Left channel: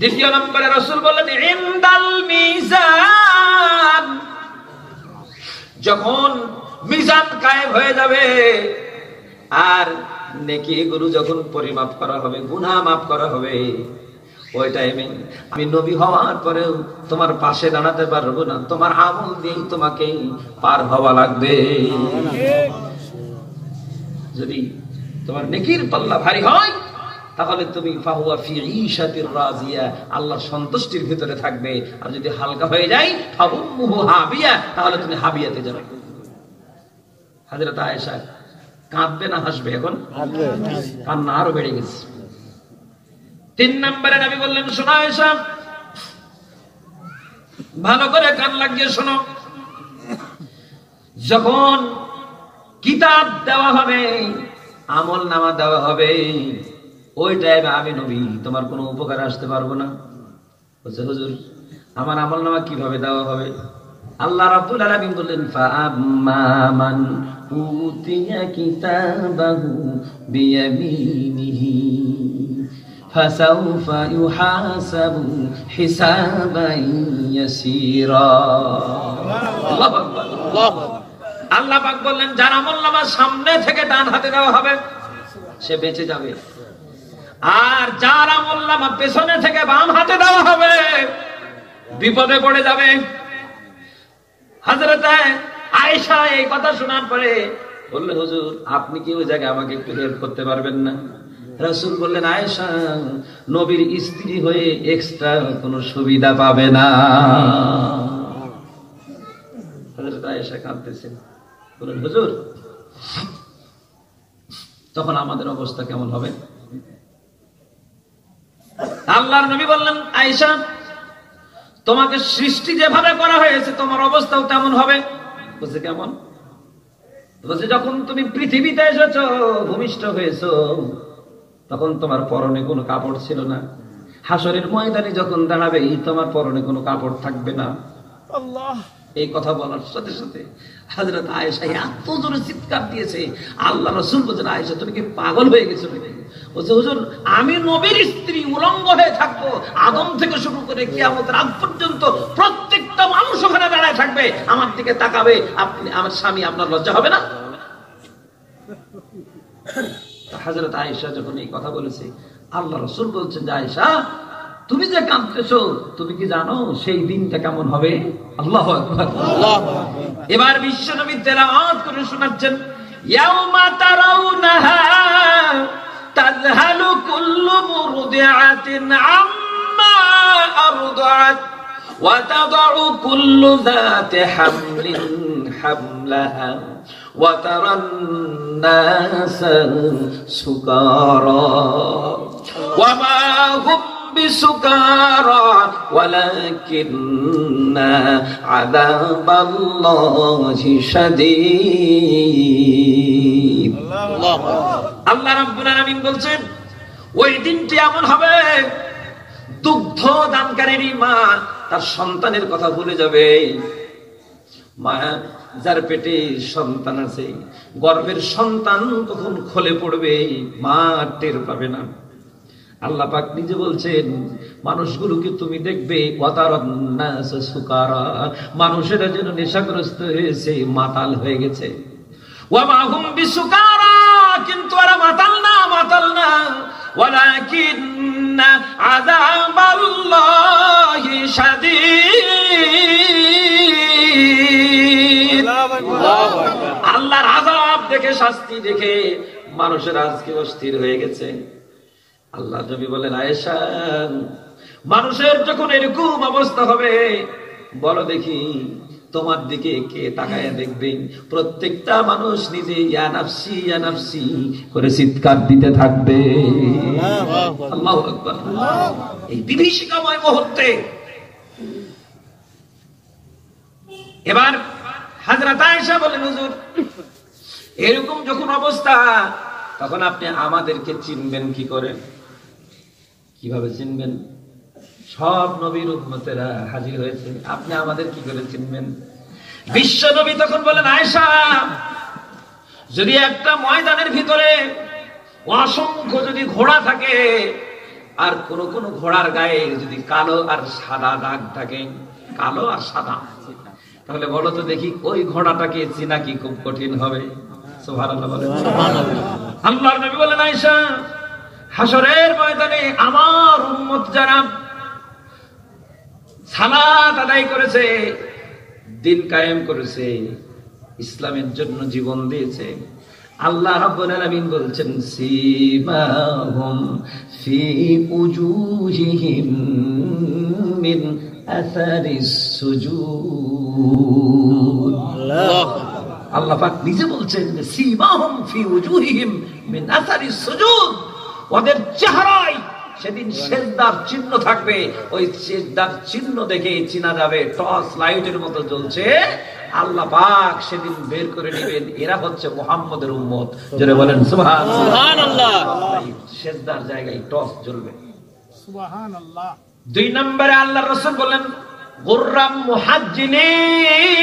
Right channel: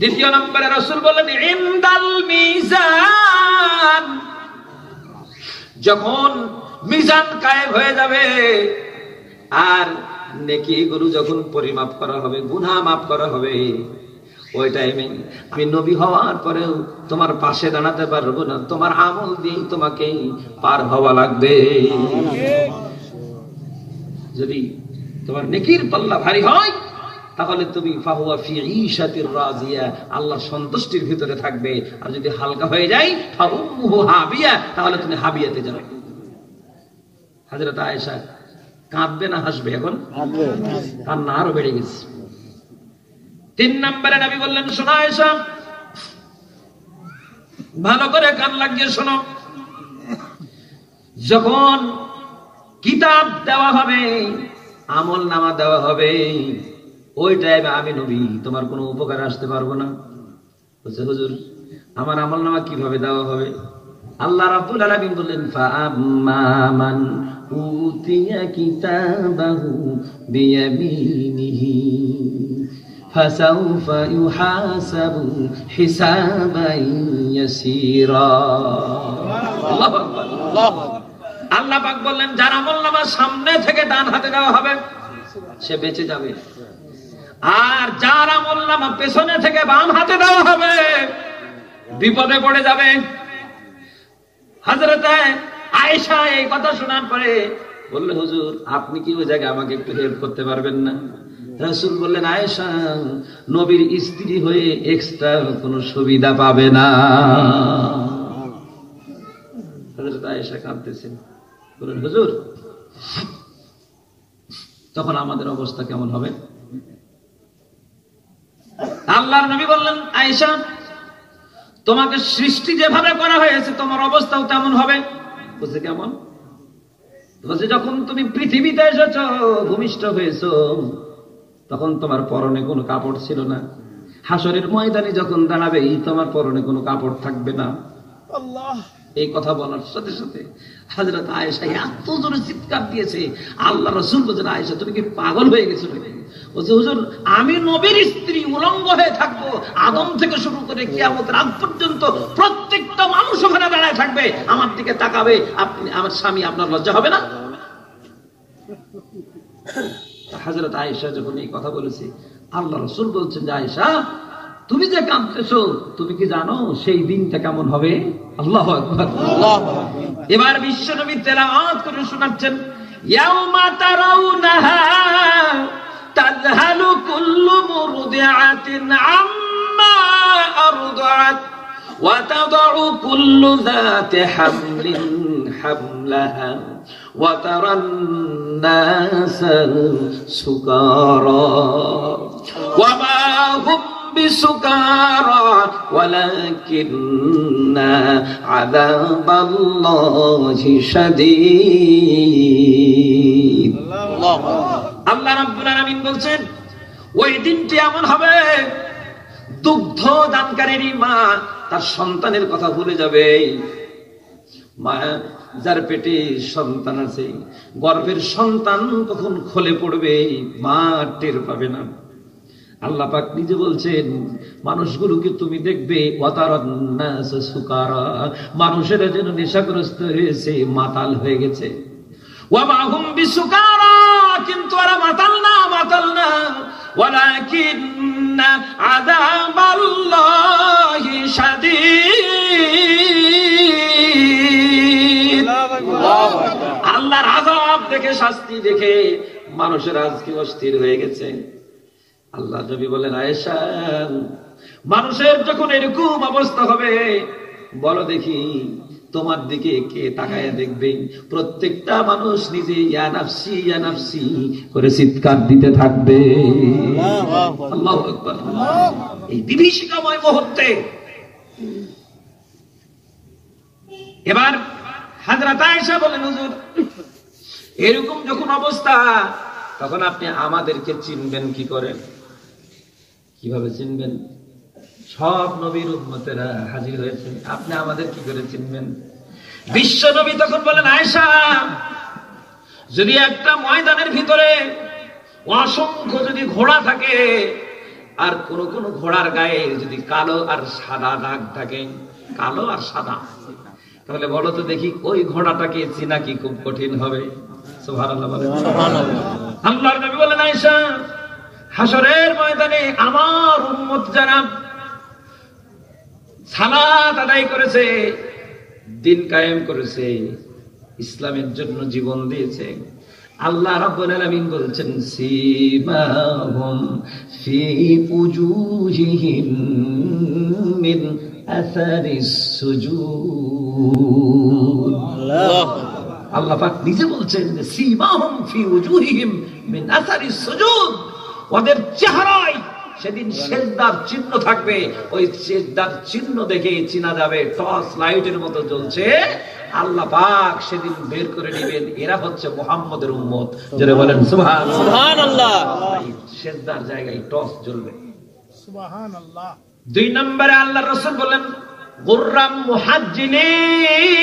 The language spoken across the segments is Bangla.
দ্বিতীয় নম্বরে রাসূল বললেন ইনদাল মিজান, যখন মিজান কায়েম হয়ে যাবে আর নেকি গুলো যখন পরিমাপ করা হবে, গুনাহ মাফ করা হবে, ওই টাইমে আমি নবী হওয়ার পরেও তোমার পাশে দাঁড়াতে পারবো না, তোমার আমল দিয়ে তোমাকে পার হওয়া লাগবে। যদি তোমার নেকির পাল্লা ভারী হয় তাহলে তুমি ফাহুয়া ফি ঈশাতির রাজিয়া, আল্লাহ সন্তুষ্টির ভিতরে থাকবে। আর যদি হালকা হয়ে যায় ফাউম্মুহু হাবিয়া, তাহলে তুমি হাবিয়াতে যাবে। হযরত আয়েশা কাঁদবে না হাসবে? এখন কান্না আরো বেড়ে গেছে। 3 নম্বরে নবী বললেন শোনো আয়েশা, ভালো করে কান লাগিয়ে শোনো, যখন কিতাব দেওয়া হবে, আমল নামা দেওয়া হবে, ওই টাইমে আমি নবী তোমার কোনো উপকার আসতে পারবো না। বলছে হুজুর আমার আমল নামা কিভাবে দেওয়া হবে? আল্লাহ রাব্বুল আলামিন বললেন ফাআম্মা মান উতিয়া কিতাবাহু বিয়ামিনিহি ফাসাউফা ইউহাসাবু হিসাবান ইয়াসীরা। আল্লাহু আকবার, আল্লাহু আকবার। আল্লাহ পাক বললেন যার আমলনামা সামনে থেকে ডান হাতে দেওয়া হবে সে বেঁচে যাবে, আর যার আমলনামা পেছনে থেকে বাম হাতে দেওয়া হবে বিপদে পড়ে যাবে। হযরত আয়েশা এই কথা শোনার পরে বললেন হুজুর আপনি কি ওই জায়গায় আমাকে একটু হেল্প করতে পারবেন না? রাসূল বললেন আয়েশা নবীর স্ত্রী হয়ে এক্সট্রা কোনো সুবিধা পাবে না। হযরত আয়েশা কাঁদতেছেন, বললেন হুজুর তখন আমাদের অবস্থা কেমন হবে? আল্লাহর নবী বললেন আয়েশা তোমাকে সৃষ্টি যেভাবে করা হয়েছে তোমার অবস্থাও তেমন হবে। বলছে কেমন? বলছে যখন তুমি পৃথিবীতে এসেছো, ভূমিষ্ঠ হয়েছো, তখন তোমার পরনে কোনো কাপড় ছিল না। হাসরের ময়দানে যখন দাঁড়াবে তোমার পরনে কোনো কাপড় থাকবে না। আল্লাহ এই কথা বলার সাথে সাথে হযরত আয়েশা এত জোরে চিৎকার দিয়েছে, আল্লাহ রাসূল বলেন আয়েশা তুমি কি পাগল হয়ে গেছো নাকি? বলছে হুজুর আমি নবীর স্ত্রী উলঙ্গ হয়ে থাকবো, আদম থেকে শুরু করে কিয়ামতের আগ পর্যন্ত প্রত্যেকটা মানুষ ওখানে দাঁড়ায় থাকবে, আমার দিকে তাকাবে, আপনি আমার স্বামী, আপনার লজ্জা হবে না? হযরত আয়েশা যখন এই কথা বলেছে আল্লাহ রাসূল বলছেন যে আয়েশা তুমি যে কাঁদতেছো তুমি কি জানো সেই দিনটা কেমন হবে? আল্লাহু আকবার, আল্লাহু আকবার। এবার বিশ্বনবী তেলাওয়াত করে শোনাচ্ছেন ইয়াউমা তারাউনাহা তাযহালু কুল্লু মুরদিআতিন আম্মা আরদাআত ওয়া তাদউ কুল্লু যাতি হামলিন হামলাহা ওয়া তারান নাসা সুকারা ওয়া মা হুম বিসুকারা ওয়ালাকিন্না আযাবাল্লাহি শাদীদ। আল্লাহ রাব্বুল আলামিন বলছেন ওই দিনটি এমন হবে দুগ্ধ দানকারী মা তার সন্তানের কথা ভুলে যাবে। মা যার পেটে সন্তান আছে, গর্ভের সন্তান কখন খলে পড়বে মা টের পাবে না। আল্লাহ পাক নিজে বলছেন মানুষগুলোকে তুমি দেখবে মানুষেরা যেন নেশাগ্রস্ত হয়েছে, মাতাল হয়ে গেছে। কিন্তু ওরা মাতাল না, মাতাল না, ওয়ালাকিন্না আযাবাল্লাহি শাদীদ। আল্লাহর আযাব দেখে, শাস্তি দেখে মানুষের আজকে অস্থির হয়ে গেছে। আল্লাহ নবী বলেন আয়েশা মানুষের যখন এরকম অবস্থা হবে বলো দেখি তোমার দিকে কে তাকায়া দেখবে? প্রত্যেকটা মানুষ নিজে ইয়া নাফসি ইয়া নাফসি করে চিৎকার দিতে থাকবে। আল্লাহু আকবার। এই বিভীষিকাময় মুহূর্তে এবার হযরত আয়েশা বলেন হুজুর এরকম যখন অবস্থা তখন আপনি আমাদেরকে চিনবেন কি করে? কিভাবে চিনবেন? সব নবীর উম্মতেরা হাজির হয়েছে, আপনি আমাদের কি করে চিনবেন? বিশ্ব নবী তখন বলেন আয়েশা যদি একটা ময়দানের ভিতরে অসংখ্য যদি ঘোড়া থাকে আর কোন কোন ঘোড়ার গায়ে যদি কালো আর সাদা দাগ থাকে, কালো আর সাদা, তাহলে বলো তো দেখি ওই ঘোড়াটাকে চেনা কি খুব কঠিন হবে? সুবহানাল্লাহ বলেন। আল্লাহর নবী বলেন, আয়েশা, হাসরের ময়দানে আমার উম্মত যারা সালাত আদায় করেছে, দিন কায়েম করেছে, ইসলামের জন্য জীবন দিয়েছে, আল্লাহ রাব্বুল আলামিন বলছেন, সীমাহুম ফি উজুহিহিম মিন আসারিস সুজুদ। আল্লাহ পাক নিজে বলছেন, সীমাহুম ফি উজুহিহিম মিন আসারিস সুজুদ, ওদের চেহারায় সেদিন সিজদার চিহ্ন থাকবে, ওই সিজদার চিহ্ন দেখে চিনা যাবে, টর্চ লাইটের মতো জ্বলছে। আল্লাহ পাক সেদিন বের করে নেবেন, এরা হচ্ছে মুহাম্মদের উম্মত। যারা বলেন সুবহানাল্লাহ, সিজদার জায়গায় টর্চ জ্বলবে। সুবহানাল্লাহ। 2 নম্বরে আল্লাহর রাসূল বলেন, গুররাম মুহাজ্জিলিন,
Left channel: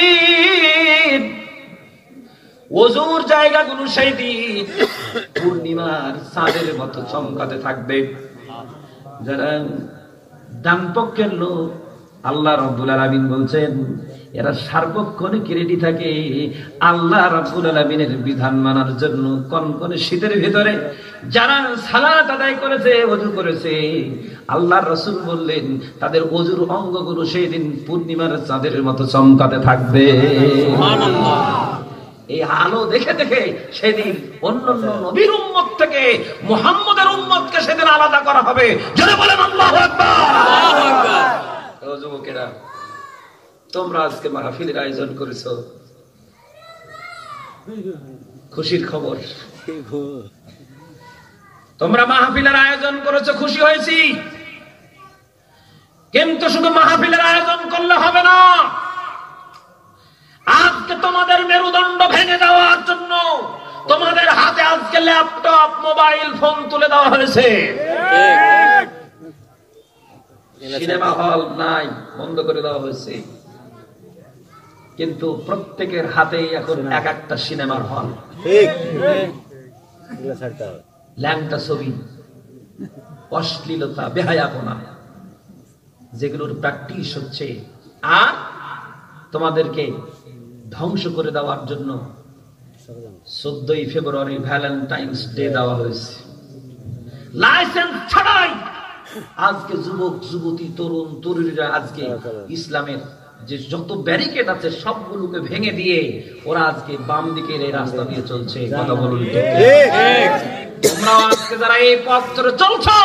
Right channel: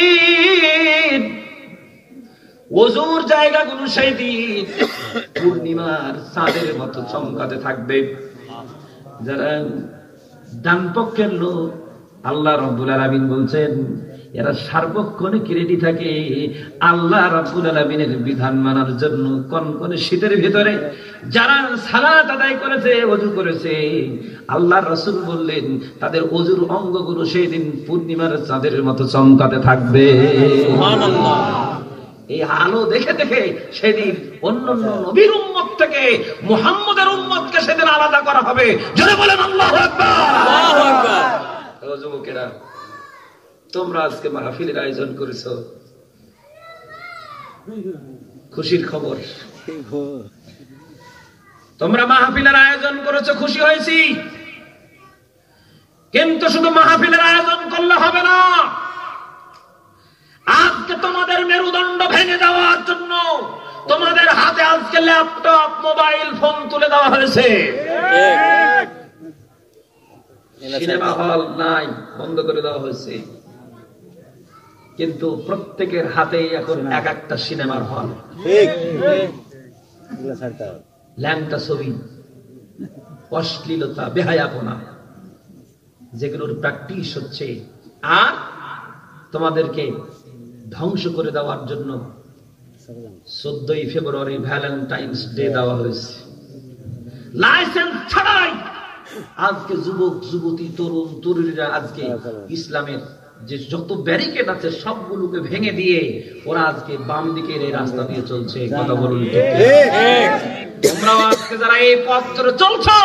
ওযুর জায়গাগুলো সেই দিন পূর্ণিমার চাঁদের মতো চমকাতে থাকবে। যারা ডান পক্ষের লোক, আল্লাহ রাব্বুল আলামিন বলছেন, এরা সার্বক্ষণিক রেডি থাকে আল্লাহ রাব্বুল আলামিনের বিধান মানার জন্য। কনকনে শীতের ভিতরে যারা সালাত আদায় করেছে, ওযু করেছে, আল্লাহর রাসূল বললেন তাদের ওযুর অঙ্গগুলো সেই দিন পূর্ণিমার চাঁদের মতো চমকাতে থাকবে। সুবহানাল্লাহ। এই আলো দেখে দেখে সেদিন অন্যান্য নবীর উম্মত থেকে মুহাম্মদের উম্মতকে সেদিন আলাদা করা হবে। যারা বলেন আল্লাহু আকবার। আল্লাহু আকবার। ও যুবকেরা, তোমরা আজকে মাহফিলের আয়োজন করেছো, খুশির খবর। তোমরা মাহফিলের আয়োজন করেছো, খুশি হয়েছি, কিন্তু শুধু মাহফিলের আয়োজন করলে হবে না। আজকে তোমাদের মেরুদণ্ড ভেঙে দেওয়ার জন্য তোমাদের হাতে আজকে ল্যাপটপ, মোবাইল ফোন তুলে দেওয়া হয়েছে। সিনেমা হল নাই, বন্ধ করে দেওয়া হয়েছে, কিন্তু প্রত্যেকের হাতে এখন এক একটা সিনেমার হল। ল্যাংটা ছবি, অশ্লীলতা, বেহায়াপনা, যেগুলোর প্র্যাকটিস হচ্ছে, আর তোমাদেরকে ধ্বংস করে দেওয়ার জন্য 14ই ফেব্রুয়ারি ভ্যালেন্টাইন্স ডে দেওয়া হয়েছে। লাইসেন্স ছাড়াই আজকে যুবক যুবতী, তরুণ তরুণীরা আজকে ইসলামের যে যত ব্যারিকেড আছে সবগুলোকে ভেঙে দিয়ে ওরা আজকে বাম দিকের এই রাস্তা দিয়ে চলছে। কথা বলুন, তোমরা আজকে যারা এই পথ ধরে চলছো,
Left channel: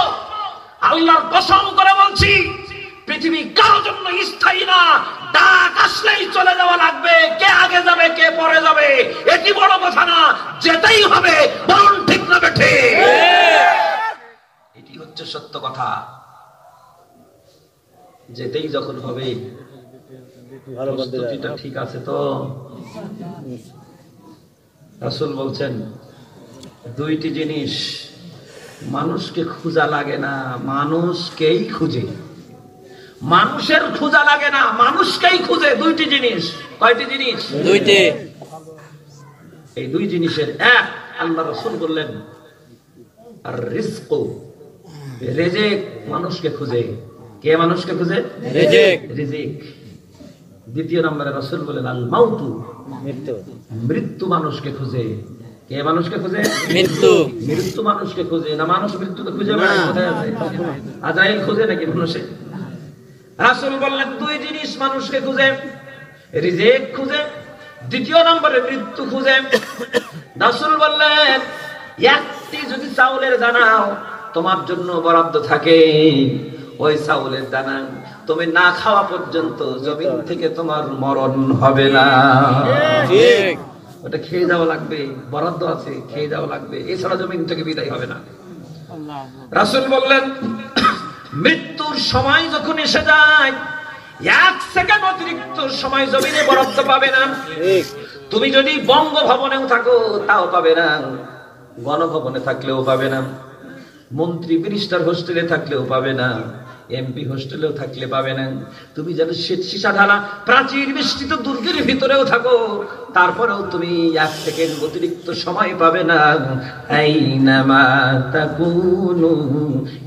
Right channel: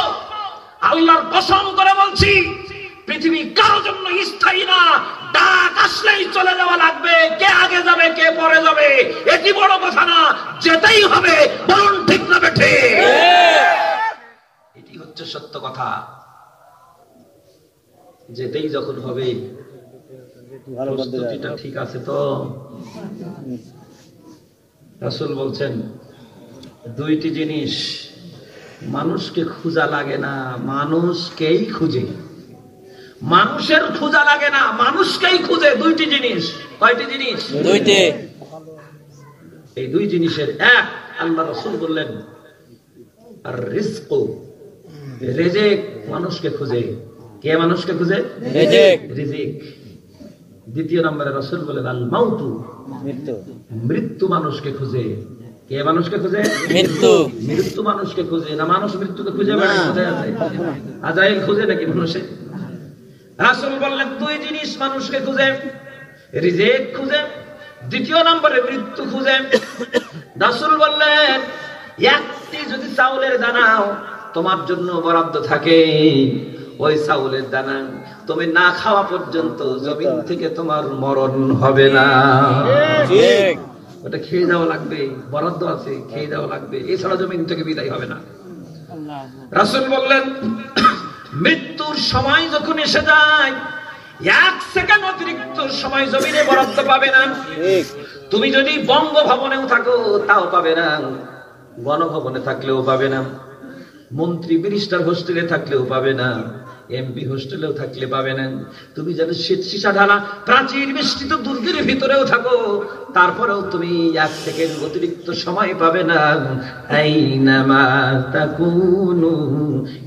আল্লাহর কসম করে বলছি, পৃথিবী কারোর জন্য স্থায়ী না। ডাক আসলেই চলে যাওয়া লাগবে, কে আগে যাবে কে পরে যাবে এটি বড় কথা না, যেতেই হবে। বলুন ঠিক না বেঠে? এটি হচ্ছে সত্য কথা। যেতেই যখন হবে, প্রস্তুতিটা ঠিক আছে তো? রাসূল বলছেন, 2টি জিনিস মানুষকে খোঁজা লাগে না, মানুষকেই খুঁজে। মানুষের খোঁজা লাগে না, মানুষকেই খুঁজে। 2টি জিনিস। কয়টি জিনিস? 2টি। এই 2 জিনিসের এক, আল্লাহ রাসূল বললেন, আর রিজক, রিজিক মানুষকে খুঁজে। কে মানুষকে খুঁজে? রিজিক। রিজিক। 2 নম্বরে রাসূল বলেন, আল মাউতু, মৃত্যু। মৃত্যু মানুষকে খুঁজে। কে মানুষকে খুঁজে? মৃত্যু। মৃত্যু মানুষকে খুঁজে না, মানুষ মৃত্যুকে খুঁজে না। কোথায় আছে? আজরাইল খুঁজে নাকি মানুষে? রাসূল বললেন 2 জিনিস মানুষকে খুঁজে, রিজিক খুঁজে, 2 নম্বরে মৃত্যু খুঁজে। রাসূল বললেন, একটি যদি চাউলের দানা তোমার জন্য বরাদ্দ থাকে, ওই চাউলের দানা তুমি না খাওয়া পর্যন্ত জমিন থেকে তোমার মরণ হবে না। ঠিক, ওটা খেয়ে যাওয়া লাগবে, বরাদ্দ আছে, খেয়ে যাওয়া লাগবে, এছাড়া জমিন থেকে বিদায় হবে না। রাসূল বললেন, মৃত্যুর সময় যখন এসে যায়, 1 সেকেন্ড অতিরিক্ত সময় জমিনে বরাদ্দ পাবে না। তুমি যদি বঙ্গভবনেও থাকো তাও পাবে না, গণভবনে থাকলেও পাবে না, মন্ত্রী মিনিস্টার হোস্টেলে থাকলেও পাবে না, এমপি হোস্টেলেও থাকলে পাবে না, তুমি যেন সীসা ঢালা প্রাচীর বেষ্টিত দুর্গের ভিতরেও থাকো, তারপরেও তুমি 1 সেকেন্ড অতিরিক্ত সময় পাবে না। আইনামা তাকুনু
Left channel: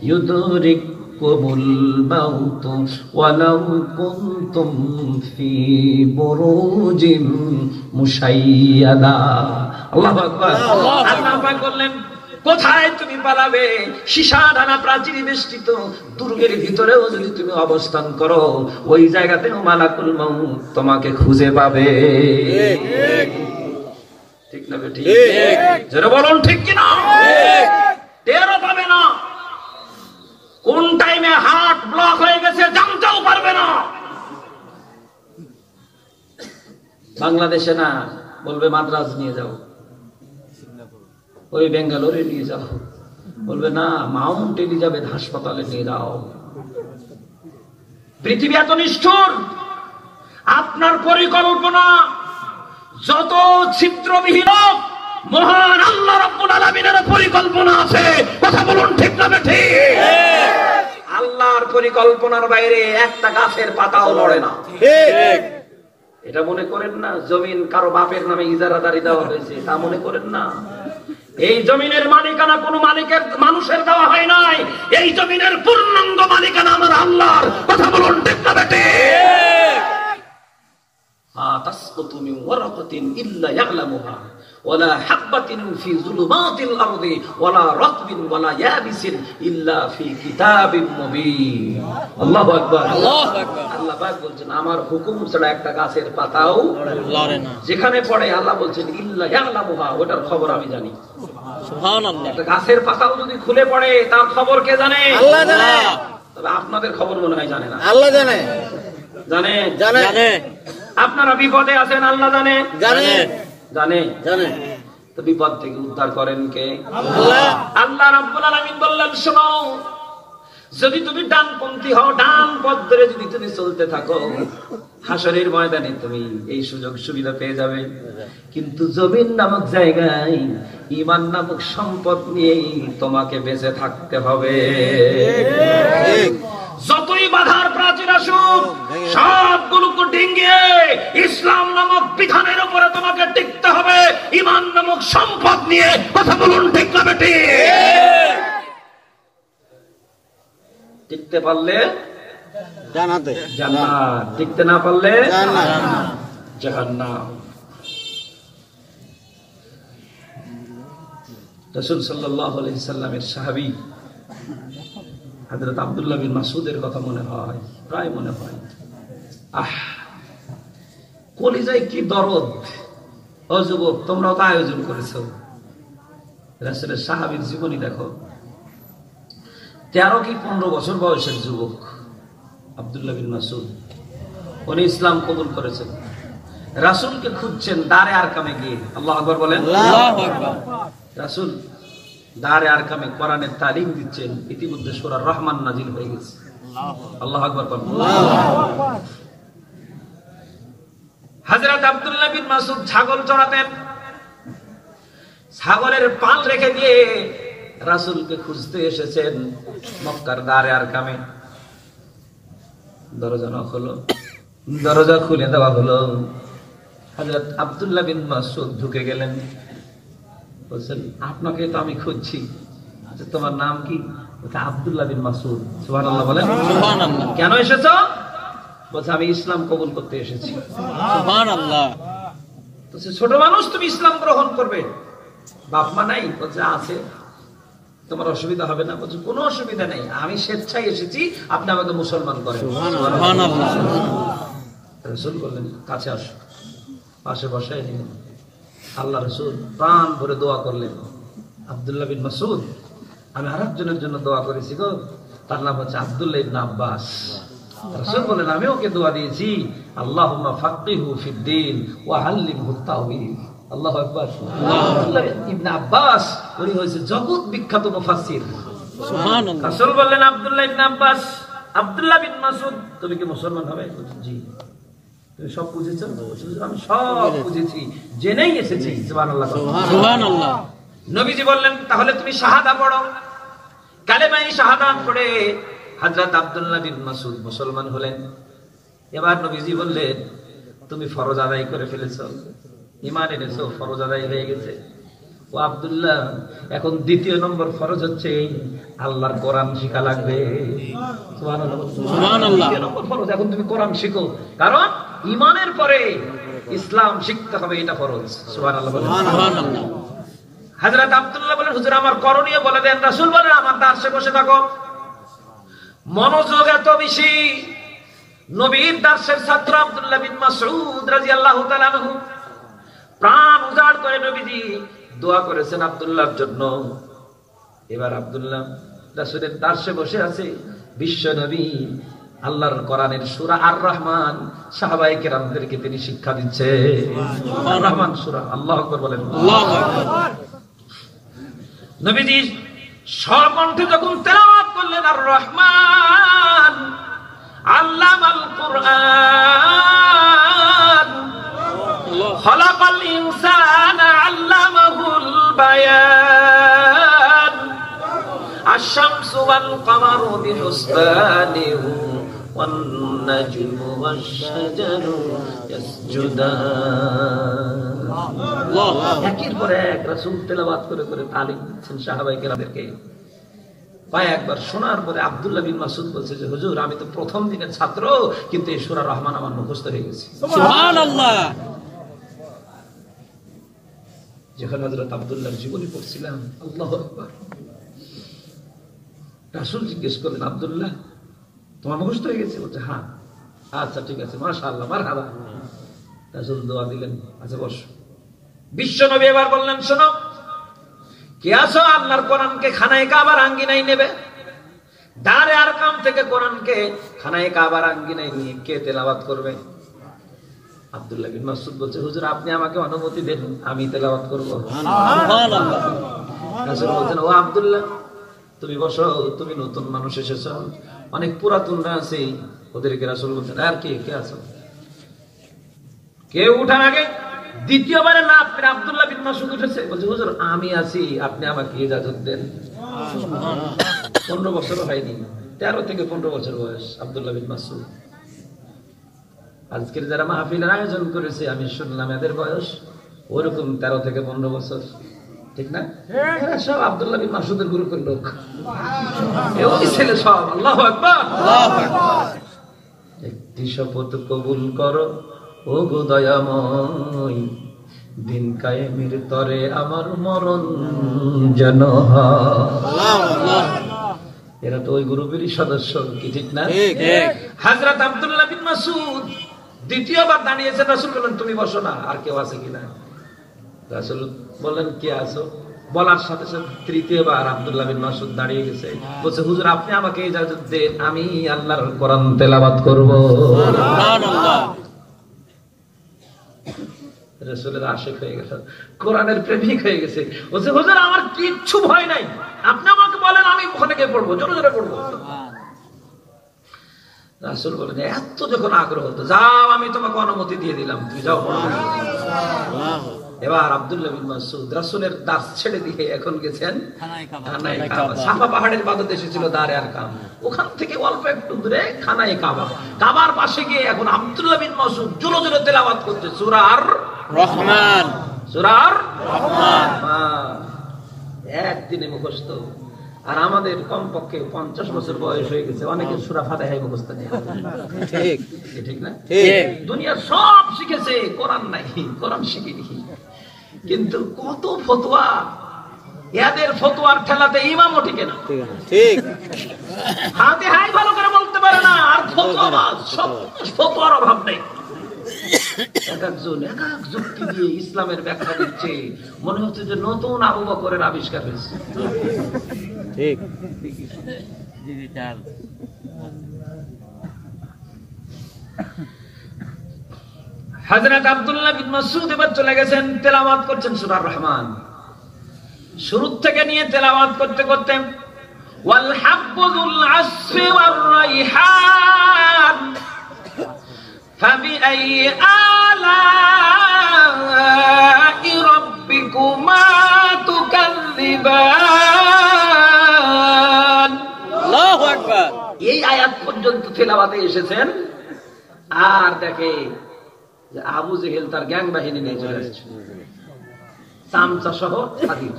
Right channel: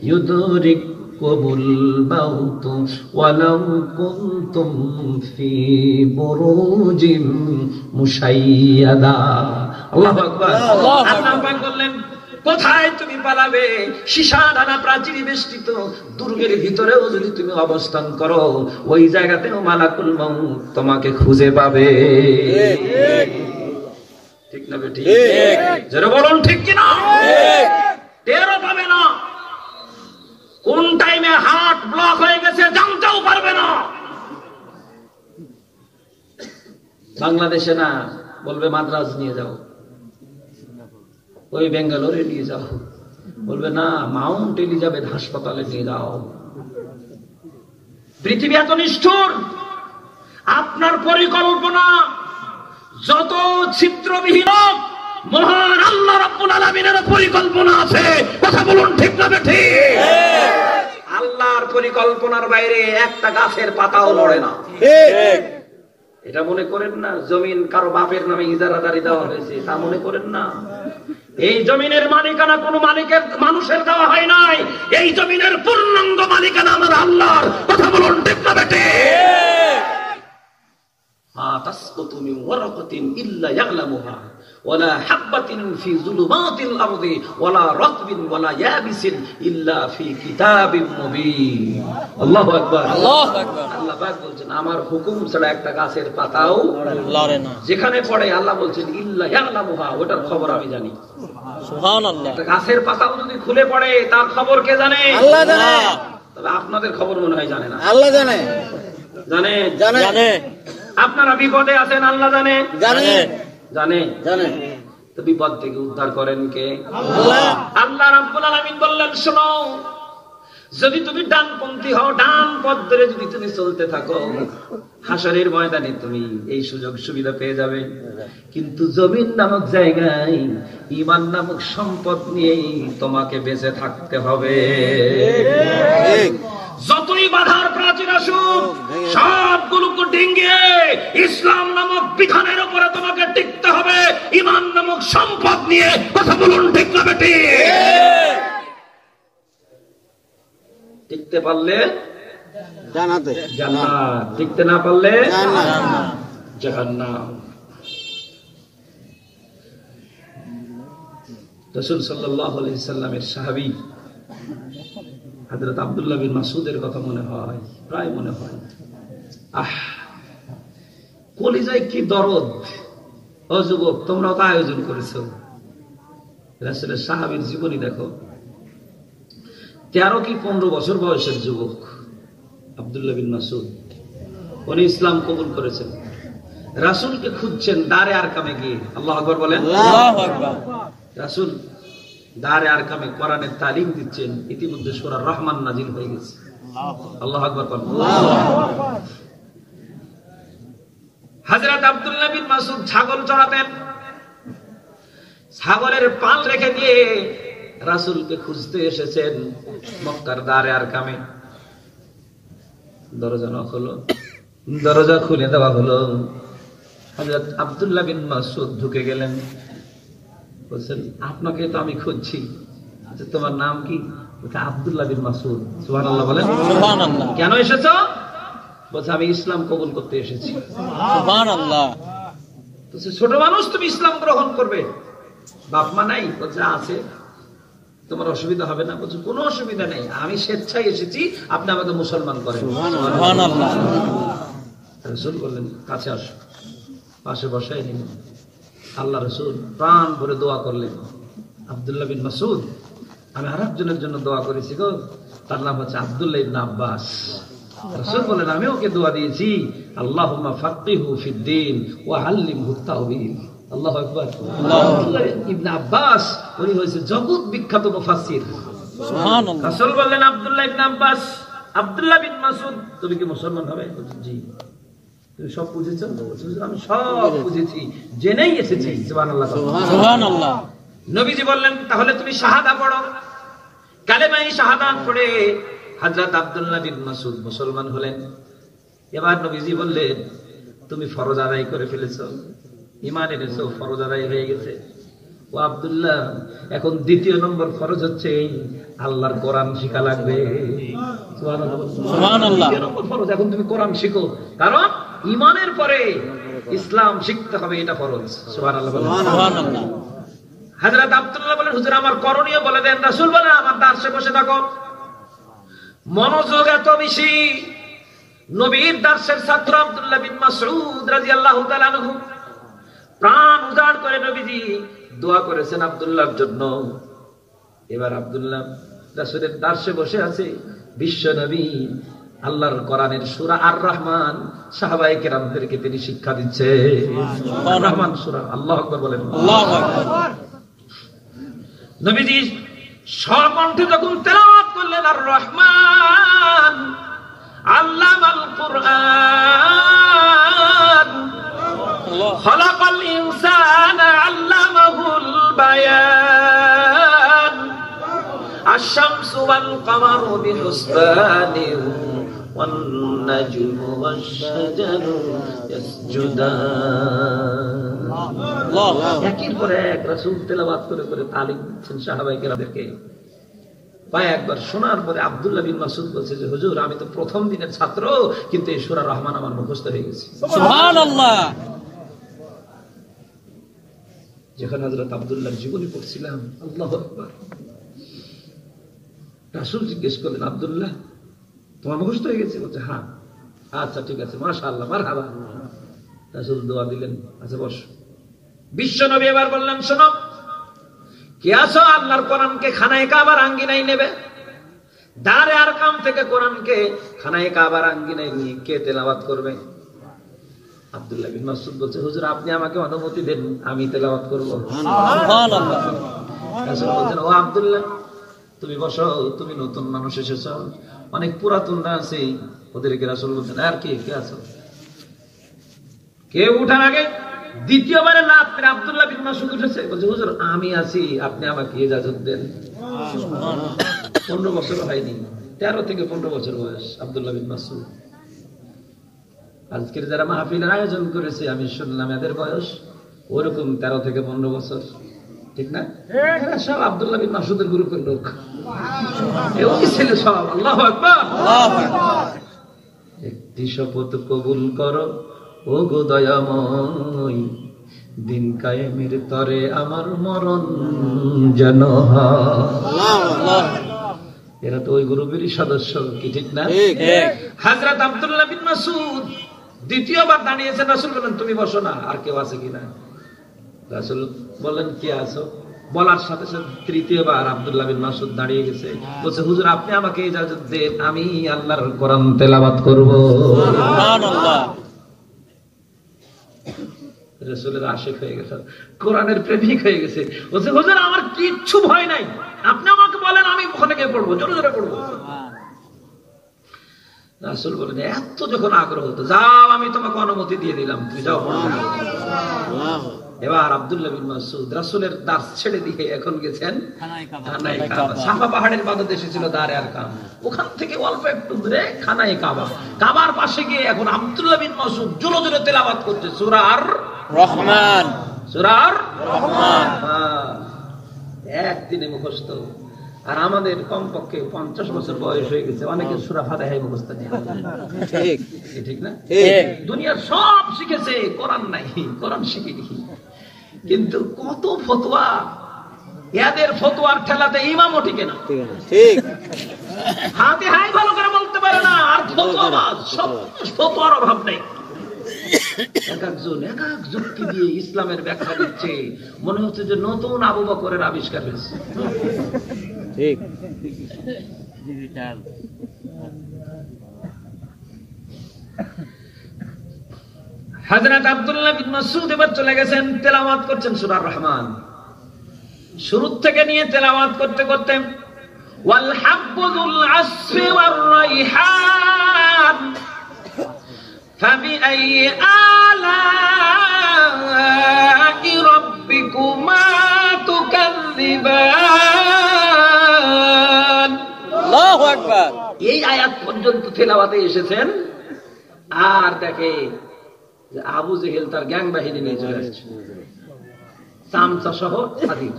ইউদরিকুমুল মাউত ওয়ালাউ কুনতুম ফি বুরুজিম মুশাইয়াদা। আল্লাহু আকবার। আল্লাহু আকবার বললেন, কোথায় তুমি পালাবে? সীসা ঢালা প্রাচীর বেষ্টিত দুর্গের ভিতরেও যদি তুমি অবস্থান করো, ওই জায়গাতেও মালাকুল মউত তোমাকে খুঁজে পাবে। ঠিক না বেটি? যারা বলুন ঠিক কিনা? টেরও পাবে না, কোন টাইমে হার্ট ব্লক হয়ে গেছে জানতেও পারবে না। বাংলাদেশে না, বলবে মাদ্রাজ নিয়ে যাও, ওই বেঙ্গালোরে নিয়ে যাও, বলবে না মাউন্ট এলিজাবেথ হাসপাতালে নিয়ে যাও। পৃথিবী এত নিষ্ঠুর, আপনার পরিকল্পনা যত ছিদ্রবিহীন, মহান আল্লাহ রাব্বুল আলামিনের পরিকল্পনা আছে। কথা বলুন ঠিক না ঠিক? আল্লাহর পরিকল্পনার বাইরে একটা গাছের পাতাও নড়ে না। এটা মনে করেন না জমিন কারো বাপের নামে ইজারাদারি দেওয়া হয়েছে, তা মনে করেন না। এই জমিনের মালিকানা কোন মালিকের মানুষের দেওয়া হয় নাই, এই জমিনের পূর্ণাঙ্গ মালিকানা আমার আল্লাহর। কথা বলুন ঠিক না বেটে? তাসকুতু মিন ওয়ারাকাতিন ইল্লা ইয়ালামুহা ওয়ালা হাববাতিন ফি যুলুমাতিল আরদি ওয়ালা রাতবিন ওয়ালা ইয়াবিসিন ইল্লা ফি কিতাবিম মুবিন। আল্লাহু আকবার, আল্লাহু আকবার। আল্লাহ পাক বলেন, আমার হুকুম ছাড়া একটা গাছের পাতাও লড়ে না। যেখানে পড়ে আল্লাহ বলেন ইল্লা ইয়ালামুহা, ওটার খবর আমি জানি। সুবহানাল্লাহ। একটা গাছের পাতাও যদি খুলে পড়ে তার খবর কে জানে? আল্লাহ জানে। তবে আপনাদের খবর মনে হয় জানে না। আল্লাহ জানে। জানে? জানে। আপনারা বিপদে আছেন, আল্লাহ জানে। জানে। জানে। জানে। তো বিপদ থেকে উদ্ধার করেন কে? আল্লাহ। আল্লাহ রাব্বুল আলামিন বললেন, শোনো, যদি তুমি ডানপন্থী হও, ডান পথ ধরে যদি তুমি চলতে থাকো, হাসরের ময়দানে তুমি এই সুযোগ সুবিধা পেয়ে যাবে। কিন্তু জমিন নামক জায়গায় ঈমান নামক সম্পদ নিয়ে তোমাকে বেঁচে থাকতে হবে। যতই বাধার প্রাচীর আসুক, সবগুলোকে ডিঙ্গিয়ে ইসলাম নামক বিধানের উপরে তোমাকে টিকতে হবে, ঈমান নামক সম্পদ নিয়ে। কথা বলুন ঠিক না বেটি? টিকতে পারলে জান্নাতে, জান্নাত। টিকতে না পারলে জাহান্নাম। রাসূল সাল্লাল্লাহু আলাইহি সাল্লামের সাহাবী হযরত আব্দুল্লাহ বিন মাসউদের কথা মনে হয়, প্রায় মনে হয়। কলিজায় কি দরদ! ও যুবক, তোমরাও তো আয়োজন করেছো। রাসূলের সাহাবীর জীবনী দেখো। 13 কি 15 বছর বয়সের যুবক আব্দুল্লাহ বিন মাসউদ, উনি ইসলাম কবুল করেছেন। রাসূলকে খুঁজছেন দারে আরকামে গিয়ে। আল্লাহু আকবার বলেন। আল্লাহু আকবার। রাসূল দারে আরকামে কোরআনের তালিম দিচ্ছেন, ইতিমধ্যে সূরা রহমান নাজিল হয়ে গেছে। আল্লাহু আকবার বলেন। হযরত আব্দুল্লাহ বিন মাসউদ ছাগল চড়াতেন, ছাগলের পাল রেখে দিয়ে রাসূলকে খুঁজতে এসেছেন মক্কার দারে আরকামে। দরজা নক হলো, দরজা খুলে দেওয়া হলো। হযরত আব্দুল্লাহ বিন মাসউদ ঢুকে গেলেন। বলছেন, আপনাকে তো আমি খুঁজছি, তোমার নাম কি? আব্দুল্লাহ বিন মাসউদ। সুবহানাল্লাহ বলেন। সুবহানাল্লাহ। কেন এসেছো? বলছে, আমি ইসলাম কবুল করতে এসেছি। সুবহানাল্লাহ। বলছে, ছোট মানুষ, তুমি ইসলাম গ্রহণ করবে? বাপ মা নাই? বলছে, আছে। তোমার অসুবিধা হবে না? বলছে, কোনো অসুবিধা নেই, আমি স্বেচ্ছায় এসেছি, আপনি আমাকে মুসলমান করেন। সুবহানাল্লাহ। রাসূল বললেন, কাছে আসো। পাশে বসে আল্লাহ রাসূল প্রাণ ভরে দোয়া করলেন। আব্দুল্লাহ বিন মাসউদ, আমি আরেকজনের জন্য দোয়া করেছি গো, তার নাম হচ্ছে আব্দুল্লাহ ইবনে আব্বাস। রাসূল বলেন, আমি ওকে দোয়া দিয়েছি, আল্লাহুম্মা ফাক্কিহু ফিদ্দীন ওয়া আল্লিমহু তাওয়ীল। আল্লাহু আকবার। আব্দুল্লাহ ইবনে আব্বাস উনি হয়েছে জগৎ বিখ্যাত মুফাসসির। সুবহানাল্লাহ। রাসূল বললেন, আব্দুল্লাহ ইবনে আব্বাস, আব্দুল্লাহ বিন মাসউদ, তুমি কি মুসলমান হবে? জি। তুমি সব বুঝেছো? আমি সব বুঝেছি, জেনেই এসেছি। সুবহানাল্লাহ। সুবহানাল্লাহ। নবীজি বললেন, তাহলে তুমি শাহাদা পড়ো। কালেমায়ে শাহাদাত পড়ে হযরত আব্দুল্লাহ বিন মাসউদ মুসলমান হলেন। এবার নবীজি বললেন, তুমি ফরজ আদায় করে ফেলেছো, ঈমান এনেছো, ফরজ আদায় হয়ে গেছে। ও আব্দুল্লাহ, এখন দ্বিতীয় নম্বর ফরজ হচ্ছে আল্লাহর কোরআন শিখা লাগবে। সুবহানাল্লাহ। দ্বিতীয় নম্বর ফরজ, এখন তুমি কোরআন শিখো, কারণ ঈমানের পরে ইসলাম শিখতে হবে, এটা ফরজ। সুবহানাল্লাহ। সুবহানাল্লাহ। হযরত আব্দুল্লাহ বলেন, হুজুর আমার করণীয় বলে দেন। রাসূল বলেন, আমার দার্সে বসে থাকো। মনোযোগ এত বেশি, নবীর দার্সের ছাত্র আব্দুল্লাহ বিন মাসউদ রাদিয়াল্লাহু তাআলা আনহু প্রাণ উজাড় করে নবীজি দোয়া করেছেন আব্দুল্লাহর জন্য। এবার আব্দুল্লাহ রাসূলের দার্সে বসে আছে, বিশ্ব নবী আল্লাহর কোরআনের সূরা আর রহমান সাহাবায়ে কেরামদেরকে তিনি শিক্ষা দিচ্ছে। আর রহমান সূরা, আল্লাহু আকবার বলেন। আল্লাহু আকবার। নবীজি স্বকণ্ঠে যখন তেলাওয়াত করলেন আর রহমান আল্লামাল কুরআন খালাকাল ইনসানা আল্লামাহুল বায়ান আশ-শামসু ওয়াল কামারু বিহুসবানিন ওয়ান নাজমু ওয়াশ-শাজারু ইয়াসজুদান। আল্লাহ। একের পর এক রাসূল তেলাওয়াত করে করে তালিম দিচ্ছেন সাহাবায়ে কেরামদেরকে। কয়েকবার শোনার পরে আব্দুল্লাহ বিন মাসউদ বলছে যে হুজুর, আমি তো প্রথম দিনের ছাত্র, কিন্তু এই সূরা রহমান আমার মুখস্থ হয়ে গেছে। সুবহানাল্লাহ। যখন হযরত আব্দুল্লাহর জীবনী পড়ছিলাম, আল্লাহু আকবার, রাসূল জিজ্ঞেস করলেন, আব্দুল্লাহ তোমার মুখস্থ হয়ে গেছে? বলছে হ্যাঁ। আচ্ছা ঠিক আছে, মাশাআল্লাহ, মারহাবা। রাসূল দোয়া দিলেন, আচ্ছা বসো। বিশ্ব নবী এবার বললেন, শোনো, কে আসো আল্লাহর কোরআনকে খানায়ে কাবার আঙ্গিনায় নেবে? দারে আরকাম থেকে কোরআনকে খানায়ে কাবার আঙ্গিনায় নিয়ে কে তেলাওয়াত করবে? আব্দুল্লাহ বিন মাসউদ বলছে, হুজুর আপনি আমাকে অনুমতি দেন, আমি তেলাওয়াত করব। সুবহানাল্লাহ। রাসূল বলছেন, ও আব্দুল্লাহ তুমি বসো, তুমি নতুন মানুষ এসেছো, অনেক পুরাতনরা আছে, ওদেরকে রাসূল বলছেন, আর কে আছো? কেউ উঠার আগে দ্বিতীয়বারে না আপনি আব্দুল্লাহ বিন মাসউদ উঠেছে, বলছে হুজুর আমি আছি, আপনি আমাকে ইজাজত দেন। 15 বছর হয়নি, 13 থেকে 15 বছর বয়স আব্দুল্লাহ বিন মাসউদ। আজকের যারা মাহফিলের আয়োজন করেছে, আমি শুনলাম এদের বয়স ওরকম 13 থেকে 15 বছর, ঠিক না? এরা সব আব্দুল্লাহ বিন মাসউদের গ্রুপের লোক, ওই ছেলে সব। আল্লাহু আকবার। একটি শপথ কবুল করো ও গো দয়াময়, দিন কায়েমের তরে আমার মরণ যেন হয়। এরা তো ওই গ্রুপেরই সদস্য, কি ঠিক না? হযরত আব্দুল্লাহ বিন মাসউদ দ্বিতীয়বার দাঁড়িয়েছেন। রাসূল বললেন, তুমি বসো না, আর কেউ আছে কিনা? রাসূল বললেন, কে আছো? বলার সাথে সাথে তৃতীয়বার আব্দুল্লাহ বিন মাসউদ দাঁড়িয়ে গেছে, বলছে হুজুর আপনি আমাকে ইজাজত দেন, আমি আল্লাহর কোরআন তেলাওয়াত করব। সুবহানাল্লাহ। রাসূলের আশিক হয়ে গেছে, কোরআনের প্রেমিক হয়ে গেছে, বলছে হুজুর আমার কিচ্ছু ভয় নাই, আপনি আমাকে বলেন, আমি ওখানে গিয়ে পড়বো, জোরে জোরে পড়বো। রাসূল বলেন, এত যখন আগ্রহ, তো যাও, আমি তোমাকে অনুমতি দিয়ে দিলাম, তুমি যাও পড়ো। এবার আব্দুল্লাহ বিন মাসউদ রাসূলের দাস ছেড়ে দিয়ে এখন গেছেন খানায়ে কাবা। সাফা পাহাড়ের পাদদেশে ছিল দারে আরকাম, ওখান থেকে অল্প একটু দূরে খানায়ে কাবা। কাবার পাশে গিয়ে এখন আব্দুল্লাহ বিন মাসউদ জোরে জোরে তেলাওয়াত করছে সূরা আর রহমান। সূরা আর রহমান একদিনে মুখস্থ। আর আমাদের কমপক্ষে 50 বছর বয়স হয়ে গেছে, অনেকে সূরা ফাতিহা মুখস্থ নেই। ঠিক ঠিক না? দুনিয়ার সব শিখেছে, কোরআন নাই, কোরআন শিখিনি। কিন্তু কত ফতোয়া, এদের ফতোয়ার ঠেলাতে ইমামও টিকে না। ঠিক, ফাতিহাই ভালো করে বলতে পারে না, আর ফতোয়ার অভাব নেই। এক এক যুক্তি দিয়ে ইসলামের ব্যাখ্যা দিচ্ছে, মনে হচ্ছে যে নতুন আবু বকরের আবিষ্কার হয়েছে। ঠিক, ডিজিটাল। হযরত আব্দুল্লাহ বিন মাসউদ এবার চলে গেছেন, তেলাওয়াত করছেন সূরা রহমান। শুরু থেকে নিয়ে তেলাওয়াত করতে করতে ওয়াল হাব্বুল আসফি ওয়ার রাইহান ফাবিআই আলা'i রাব্বিকুমা তুকাযযিবান। আল্লাহু আকবার। এই এই আয়াত পর্যন্ত তেলাওয়াতে এসেছেন, আর দেখে যে আবু জেহেল তার গ্যাং বাহিনী নিয়ে চলে আসছে, চামচা সহ হাজির।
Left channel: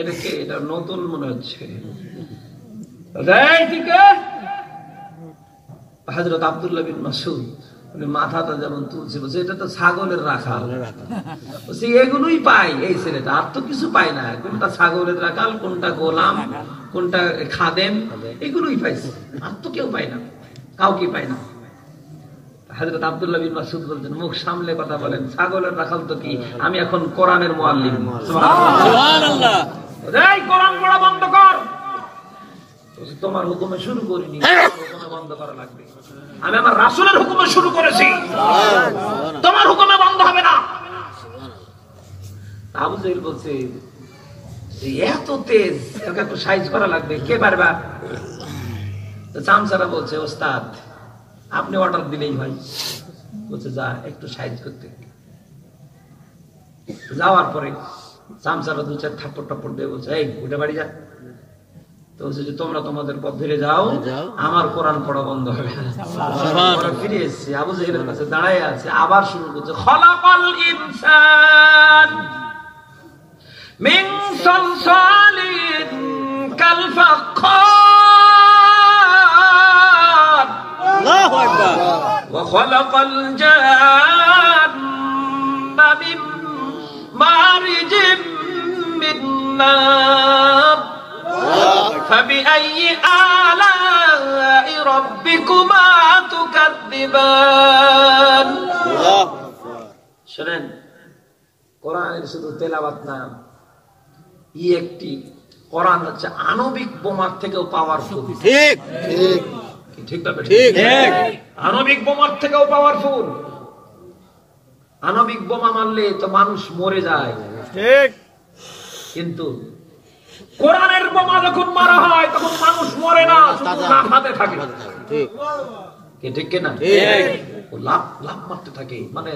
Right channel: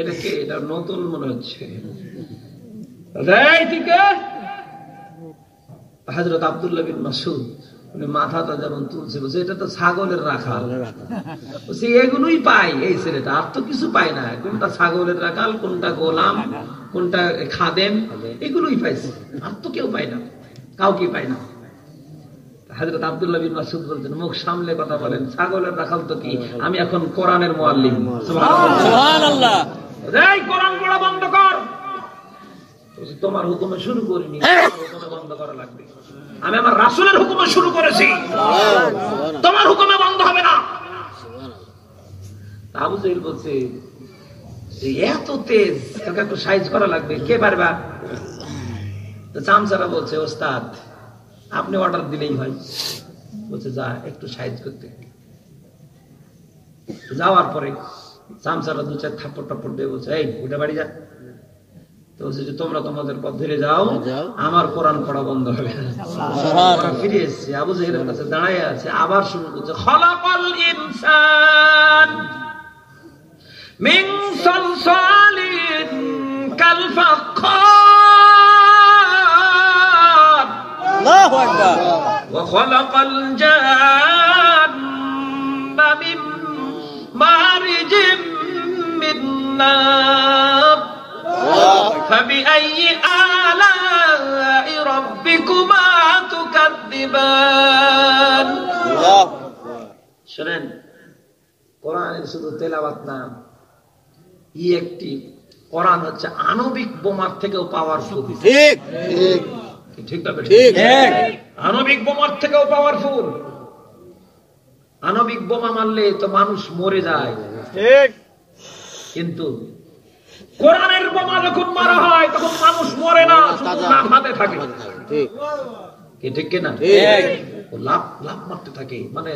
এটাকে এটা নতুন মনে হচ্ছে। হযরত আব্দুল্লাহ বিন মাসউদ মাথাটা যেমন তুলছে, বলছে এটা তো ছাগলের রাখা, বলছে এগুলোই পাই এই ছেলেটা, আর তো কিছু পায় না। কোনটা ছাগলের রাখাল, কোনটা গোলাম, কোনটা খাদেম, এগুলোই পাইছে, আর তো কেউ পায় না, কাউকে পায় না। হযরত আব্দুল্লাহ বিন মাসউদ বলছেন, মুখ সামলে কথা বলেন, ছাগলের রাখাল তো কি, আমি এখন কোরআনের মুআল্লিম। সুবহানাল্লাহ। এই কোরআন পড়া বন্ধ কর। তোমার হুকুমে শুরু করিনি, বন্ধ করা লাগবে। আমি আমার রাসূলের হুকুমে শুরু করেছি, তোমার হুকুমে বন্ধ হবে না। আবু জেহেল বলছে এত তেজ, তাকে একটু সাইজ করা লাগবে, কে পারবা? চামচারা বলছে ওস্তাদ আপনি অর্ডার দিলেই হয়। বলছে যা একটু সাইজ করতে। যাওয়ার পরে চামচারা দু চার থাপ্পড় টাপ্পড় দিয়ে বলছে এই উঠে বাড়ি যা। তো বলছে যে তোমরা তোমাদের পথ ধরে যাও, আমার কোরআন পড়া বন্ধ হবে। ফিরে এসছে, আবু জেহেলের কাছে দাঁড়ায় আছে, আবার শুরু করছে খলাকাল ইনসান মিন সালসালিন কাল ফাখখার আল্লাহু আকবার ওয়া খলাকাল জান্না মিন মারিজিম মিন নার فبأي آلاء ربكما تكذبان। শুনেন, কোরআনের শুধু তেলাওয়াত না, একটি কোরআন হচ্ছে আণবিক বোমার থেকেও পাওয়ারফুল। ঠিক ঠিক ঠিক ঠিক, আণবিক বোমার থেকেও পাওয়ারফুল। আণবিক বোমা মারলে তো মানুষ মরে যায়, ঠিক, কিন্তু কোরআনের বোমা যখন মারা হয় তখন মানুষ মরে না, শুধু লাফাতে থাকে। ঠিক কিনা? লাভ লাভ মারতে থাকে, মানে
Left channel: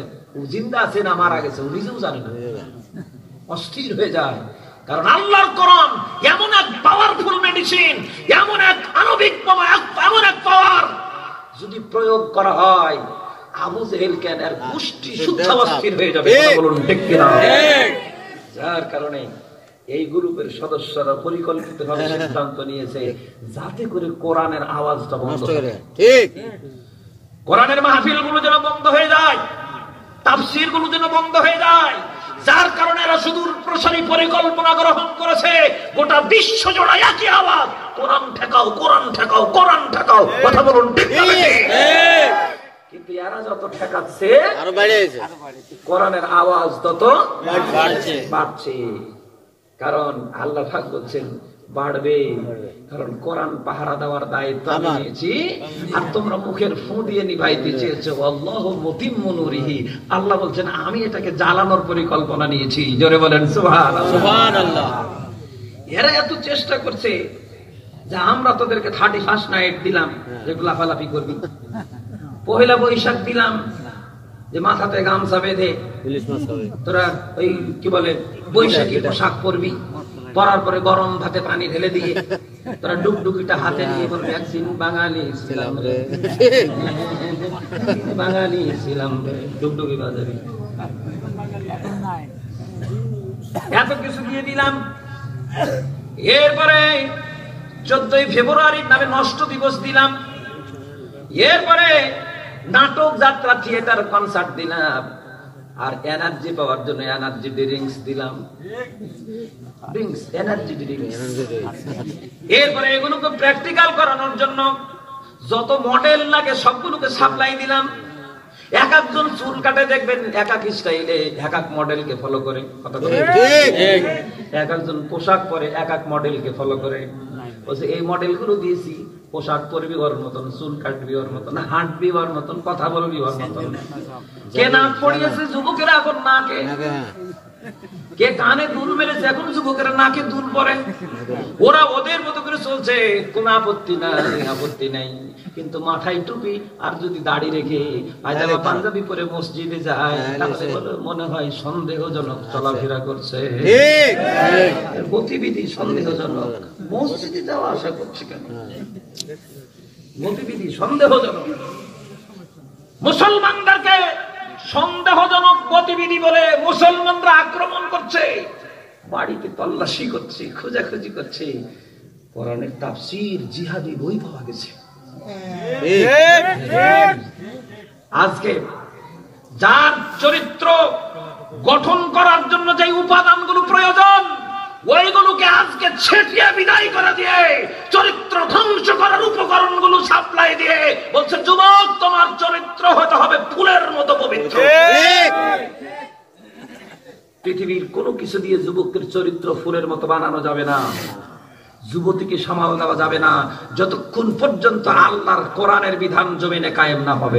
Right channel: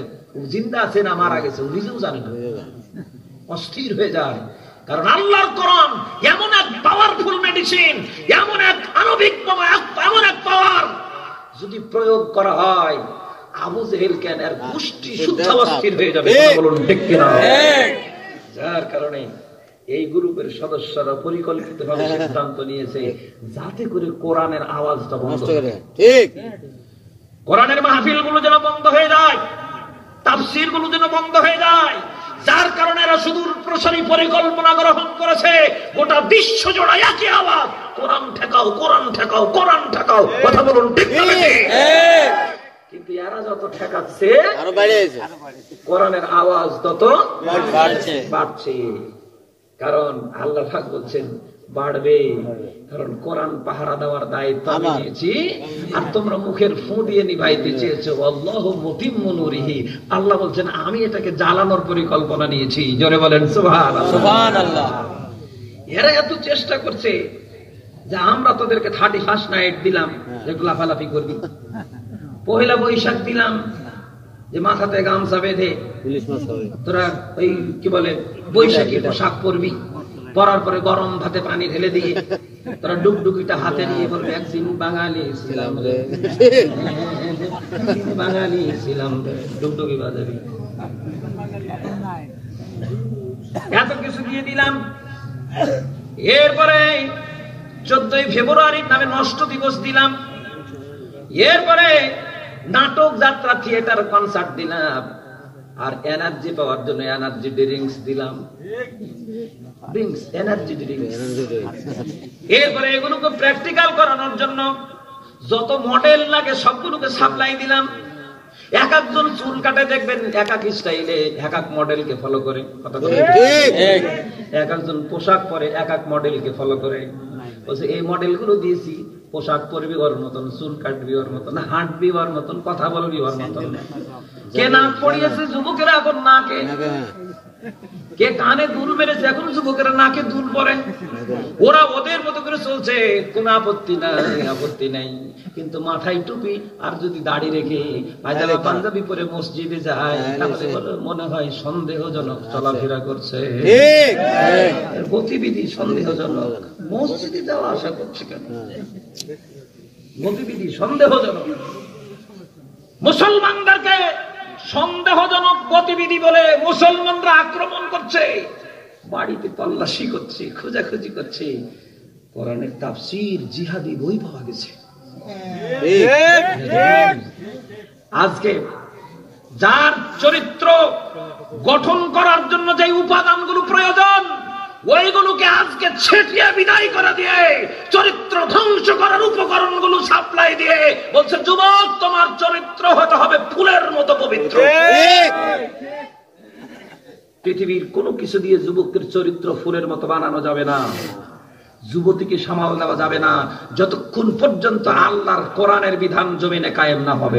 জিন্দা আছে না মারা গেছে ও নিজেও জানে না, অস্থির হয়ে যায়। কারণ আল্লাহর কোরআন এমন এক পাওয়ারফুল মেডিসিন, এমন এক আণবিক বোমা, এমন এক পাওয়ার, যদি প্রয়োগ করা হয় আবু জেহেল কেন আর গোষ্ঠী শুদ্ধ অস্থির হয়ে যাবে। বলুন ঠিক কিনা? যার কারণে এই গ্রুপের সদস্যরা পরিকল্পিতভাবে সিদ্ধান্ত নিয়েছে যাতে করে কোরআনের আওয়াজটা বন্ধ করে, ঠিক, কোরআনের মাহফিল গুলো যেন বন্ধ হয়ে যায়, তাফসীর গুলো যেন বন্ধ হয়ে যায়। যার কারণে এরা সুদূর প্রসারী পরিকল্পনা গ্রহণ করেছে, গোটা বিশ্ব জোড়া একই আওয়াজ, কোরআন ঠেকাও, কোরআন ঠেকাও, কোরআন ঠেকাও। কথা বলুন ঠিক না? কিন্তু এরা যত ঠেকাচ্ছে আরো বাড়ছে, কোরআনের আওয়াজ তত বাড়ছে। কারণ আল্লাহ পাক বলছেন বাড়বে, কারণ কোরআন পাহারা দেওয়ার দায়িত্ব আমি নিয়েছি, আর তোমরা মুখের ফু দিয়ে নিভাইতে চেয়েছো। আল্লাহু মুতিম্মু নূরিহি, আল্লাহ বলছেন আমি এটাকে জ্বালানোর পরিকল্পনা নিয়েছি। জোরে বলেন সুবহানাল্লাহ, সুবহানাল্লাহ। এরা এত চেষ্টা করছে যে আমরা তোদেরকে 31 নাইট দিলাম যে লাফালাফি করবি, পহেলা বৈশাখ দিলাম যে মাথাতে গামছা বেঁধে তোরা এই কি বলে বৈশাখী পোশাক পরবি, পরার পরে গরম ভাতে পানি ঢেলে দিয়ে তোরা ডুগডুগিটা হাতে নিয়ে বলবি একদিন বাঙালি ছিলাম রে, বাঙালি ছিলাম রে, ডুগডুগি বাজাবি। এত কিছু দিয়ে দিলাম। এরপরে 14ই ফেব্রুয়ারির নামে নষ্ট দিবস দিলাম। এরপরে নাটক, যাত্রা, থিয়েটার, কনসার্ট দিলাম। আর এনার্জি পাওয়ার জন্য এনার্জি ড্রিঙ্কস দিলাম, ড্রিঙ্কস, এনার্জি ড্রিঙ্কস। এরপরে এগুলোকে প্র্যাকটিক্যাল করানোর জন্য যত মডেল লাগে সবগুলোকে সাপ্লাই দিলাম। এক একজন চুল কাটে দেখবেন এক এক স্টাইলে, এক এক মডেলকে ফলো করে, কথা বলে এক একজন পোশাক পরে এক এক মডেলকে ফলো করে। বলছে এই মডেলগুলো দিয়েছি, পোশাক পরবি ওর মতন, চুল কাটবি ওর মতন, হাঁটবি ওর মতন, কথা বলবি ওর মতন। কে নাক পড়িয়েছে যুবকেরা এখন নাকে, কে কানে দুল মেরেছে এখন যুবকেরা নাকে দুল পরে। ওরা ওদের মতো করে চলছে, কোন আপত্তি নাই, আপত্তি নাই। কিন্তু মাথায় টুপি আর যদি দাড়ি রেখে পায়জামা পাঞ্জাবি পরে মসজিদে যায় তাহলে মনে হয় সন্দেহজনক চলাফেরা করছে, গতিবিধি সন্দেহজনক। মসজিদে যাওয়া আসা করছে কেন? গতিবিধি সন্দেহজনক। মুসলমানদেরকে সন্দেহজনক গতিবিধি বলে মুসলমানরা আক্রমণ করছে, বাড়িতে তল্লাশি করছে, খোঁজাখুঁজি করছে। কোরআনের তাফসীর জিহাদি বই পাওয়া গেছে। আজকে যার চরিত্র গঠন করার জন্য যে উপাদানগুলো প্রয়োজন, ওইগুলোকে আজকে ছেটিয়ে বিদায় করে দিয়ে চরিত্র ধ্বংস করার উপকরণগুলো সাপ্লাই দিয়ে বলছে, যুবক তোমার চরিত্র হতে হবে ফুলের মতো পবিত্র। পৃথিবীর কোনো কিছু দিয়ে যুবকের চরিত্র ফুলের মতো বানানো যাবে না, যুবতীকে সামাল দেওয়া যাবে না, যতক্ষণ পর্যন্ত আল্লাহর কোরআনের বিধান জমিনে কায়েম না হবে।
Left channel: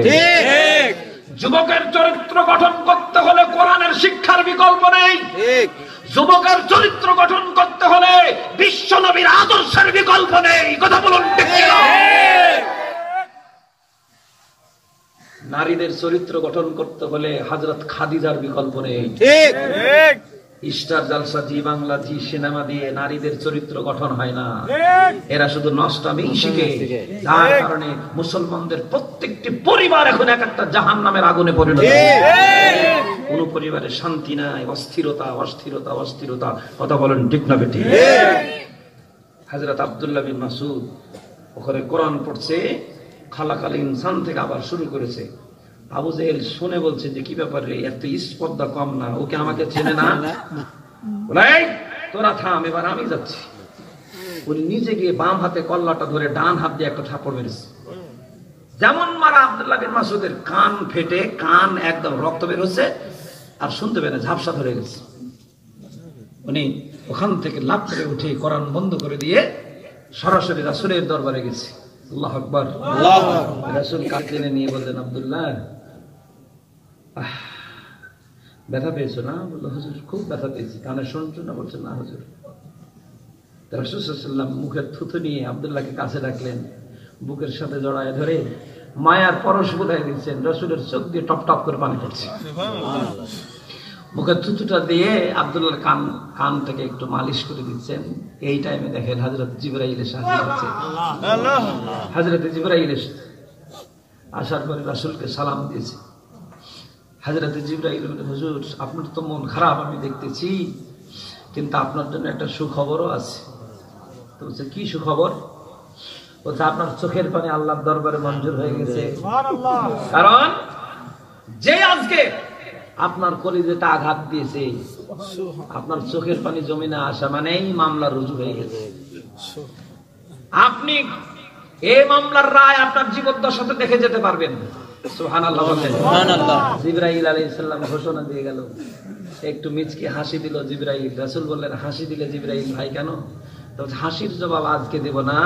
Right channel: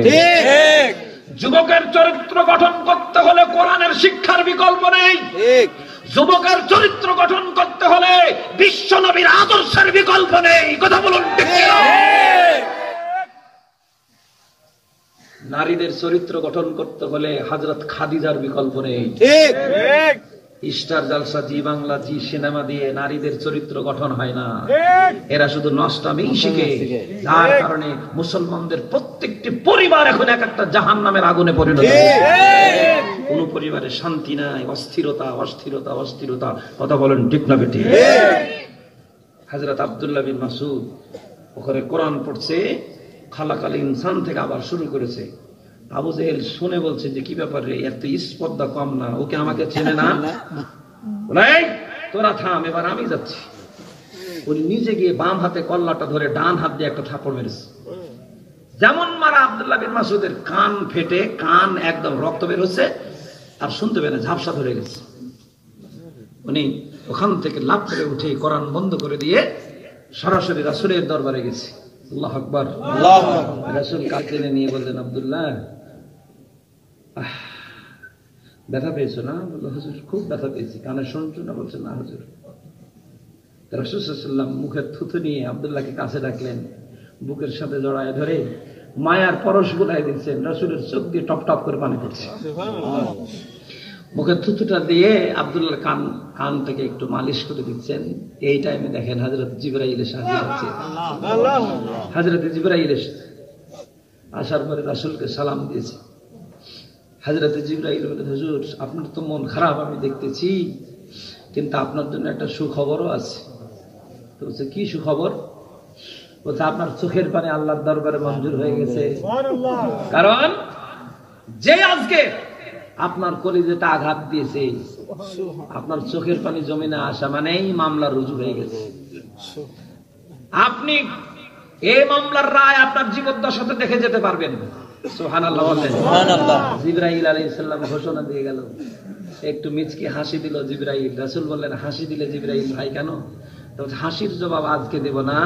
যুবকের চরিত্র গঠন করতে হলে কোরআনের শিক্ষার বিকল্প নেই। যুবকের চরিত্র গঠন করতে হলে বিশ্ব নবীর আদর্শের বিকল্প নেই। কথা বলুন। নারীদের চরিত্র গঠন করতে হলে হযরত খাদিজার বিকল্প নেই। স্টার জলসা, জি বাংলা, জি সিনেমা দিয়ে নারীদের চরিত্র গঠন হয় না। এরা শুধু নষ্টামি শিখে, যার কারণে মুসলমানদের প্রত্যেকটি পরিবার এখন এক একটা জাহান্নামের আগুনে পরিণত হয়েছে। কোন পরিবারে শান্তি নাই, অস্থিরতা অস্থিরতা অস্থিরতা। কথা বলেন ঠিক না বেঠিক? হযরত আব্দুল্লাহ বিন মাসউদ ওখানে কোরআন পড়ছে, খালাকাল ইনসান থেকে আবার শুরু করেছে। আবু জেহেল শুনে বলছে যে কি ব্যাপার রে, এত স্পর্ধা কম না, ওকে আমাকে চেনে না? তোরা থাম, এবার আমি যাচ্ছি। উনি নিজে গিয়ে বাম হাতে কল্লাটা ধরে ডান হাত দিয়ে একটা থাপড় মেরেছে। যেমন মারা আব্দুল্লাহ বিন মাসউদের কান ফেটে, কান একদম রক্ত বের হচ্ছে, আর শুনতে পেরে ঝাপসা ধরে গেছে। উনি ওখান থেকে লাফ করে উঠে কোরআন বন্ধ করে দিয়ে সরাসরি রাসূলের দরবারে গেছে। আল্লাহু আকবার। রাসূল কাঁদতে নিয়ে বললেন, আব্দুল্লাহ ব্যথা পেয়েছো না? বললো, হুজুর খুব ব্যথা পেয়েছি। কানে শুনছো না? বলছে না হুজুর। রাসূল সাল্লাল্লাহু আলাইহি ওয়াসাল্লাম মুখের থুথু নিয়ে আব্দুল্লাহকে কাছে ডাকলেন, বুকের সাথে জড়ায় ধরে মায়ার পরশ বোলায় দিচ্ছেন। রাসূলের চোখ দিয়ে টপ টপ করে পানি পড়ছে। মুখের থুতুটা দিয়ে আব্দুল্লাহর কান থেকে একটু মালিশ করে দিচ্ছেন। এই টাইমে দেখেন হযরত জিবরাইল এসে হাজির হচ্ছে। হযরত জিবরাইল আসার পরে রাসূলকে সালাম দিয়েছে। হযরত জিবরাইল বললেন, হুজুর আপনার তো মন খারাপ আমি দেখতেছি, কিন্তু আপনার জন্য একটা সুখবরও আছে। তো বলছে, কি সুখবর? বলছে, আপনার চোখের পানি আল্লাহর দরবারে মঞ্জুর হয়ে গেছে। কারণ যে আজকে আপনার কলিজাটা আঘাত দিয়েছে, আপনার চোখের পানি জমিনে আসা মানেই মামলা রুজু হয়ে গেছে। আপনি এই মামলার রায় আপনার জীবদ্দশাতে দেখে যেতে পারবেন। সুবহানাল্লাহ বলেন। সুবহানাল্লাহ। জিবরাইল আলাইহিস সালাম ঘোষণা দিয়ে গেল। একটু মিচকি হাসি দিল জিবরাইল। রাসূল বললেন, হাসি দিলে জিবরাইল ভাই কেন? তো হাসির জবাব আজকে দেব না,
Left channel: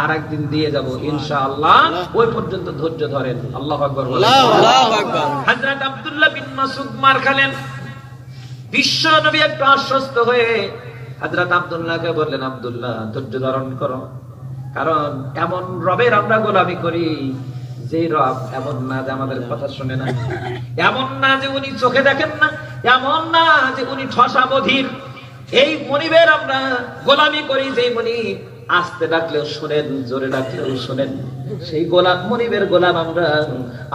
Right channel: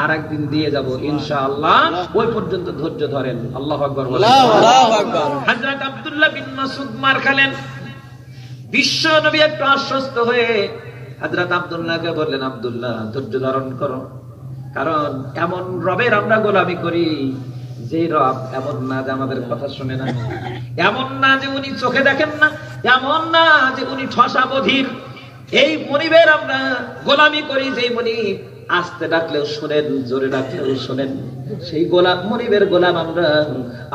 আর একদিন দিয়ে যাব ইনশাআল্লাহ। ওই পর্যন্ত ধৈর্য ধরেন। আল্লাহু আকবার। আল্লাহু আকবার। হযরত আব্দুল্লাহ বিন মাসউদ মার খেলেন। বিশ্ব নবী একটু আশ্বস্ত হয়ে হযরত আব্দুল্লাহকে বললেন, আব্দুল্লাহ ধৈর্য ধারণ করো, কারণ এমন রবের আমরা গোলামি করি যে রব এমন না যে আমাদের কথা শুনে না, এমন না যে উনি চোখে দেখেন না, এমন না যে উনি ঠসা বধির। এই মনিবের আমরা গোলামি করি, যে মনিব আস্তে ডাকলেও শোনেন, জোরে ডাকলেও শোনেন। সেই গোলাম মনিবের গোলাম আমরা।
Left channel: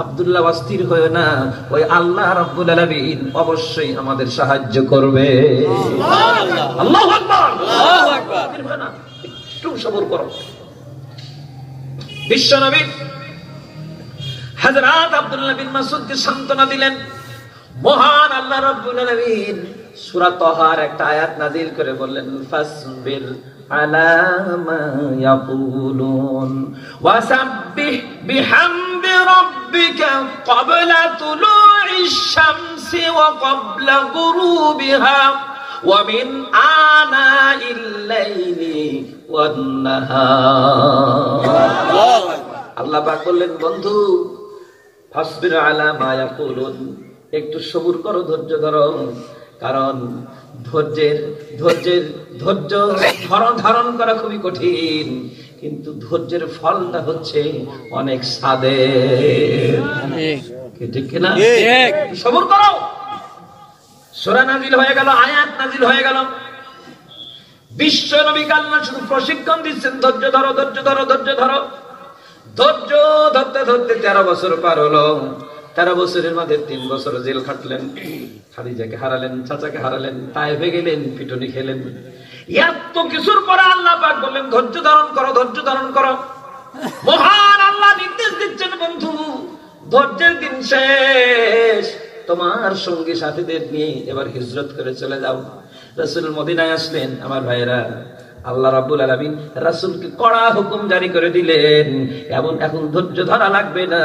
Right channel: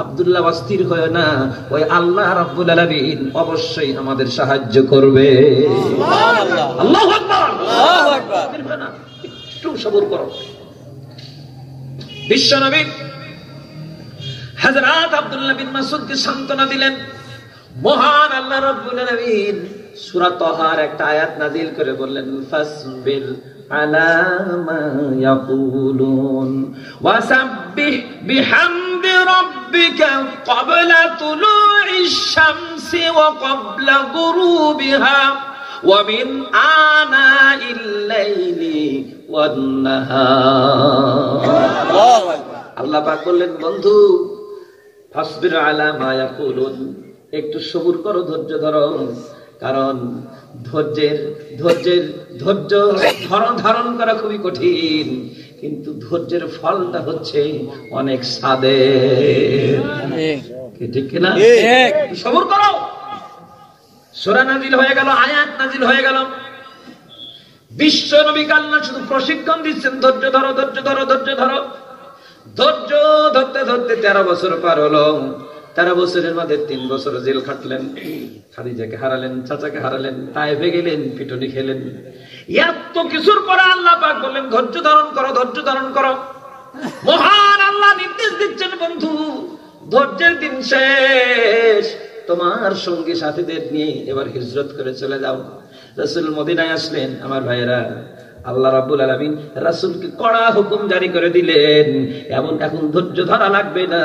আব্দুল্লাহ অস্থির হয় না, ওই আল্লাহ রাব্বুল আলামিন অবশ্যই আমাদের সাহায্য করবে। সুবহানাল্লাহ। আল্লাহু আকবার। আল্লাহু আকবার। একটু সবর করো। বিশ্বনবী হযরত আব্দুল্লাহ বিন মাসউদকে সান্ত্বনা দিলেন। মহান আল্লাহ রাব্বুল আলামিন সূরা তাহার একটা আয়াত নাযিল করে বললেন, ফাসবির আলা মা ইয়াকুলুন ওয়াসাব্বিহ বিহামদি রাব্বিকা ক্বাবলা তুলুইশ শামসি ওয়া ক্বাবলা গুরুবিহা ওয়া মিন আনাইল লাইলি ওয়ান নাহার। আল্লাহ পাক বললেন, বন্ধু ফাসবির আলা মা ইয়াকুলুন, একটু সবুর করো, ধৈর্য ধরো। কারণ ধৈর্য ধারণ করা খুবই কঠিন, কিন্তু ধৈর্যের ফলটা হচ্ছে অনেক স্বাদের। ঠিক কিনা? সবুর করো। সূরা নাযিল হয়ে গেল, আয়াত নাযিল হয়ে গেল। বিশ্ব নবীকে আল্লাহ শুধু প্রশিক্ষণ দিচ্ছেন, ধৈর্য ধরো, ধৈর্য ধরো, ধৈর্য ধরো। ধৈর্য ধরতে ধরতে 13 বছর পার হলো। 13 বছরের মধ্যে 3 বছর জেল খাটলেন, খাদিজাকে হারালেন, চাচাকে হারালেন, তায়েফে গেলেন, পিটুনি খেলেন। এত কিছুর পরে আল্লাহ পাক বললেন ধৈর্য ধারণ করো, ধৈর্য ধারণ করো। মহান আল্লাহ নির্দেশ দিচ্ছেন, বন্ধু ধৈর্যের দিন শেষ, তোমার সঙ্গী সাথীদের নিয়ে এবার হিজরত করে চলে যাও। রাসূল মদিনায় আসলেন। আমার ভাইয়েরা, আল্লাহ রাব্বুল আলামিন রাসূলকে কড়া হুকুম জারি করে দিলেন, এখন ধৈর্য ধরা লাগবে না।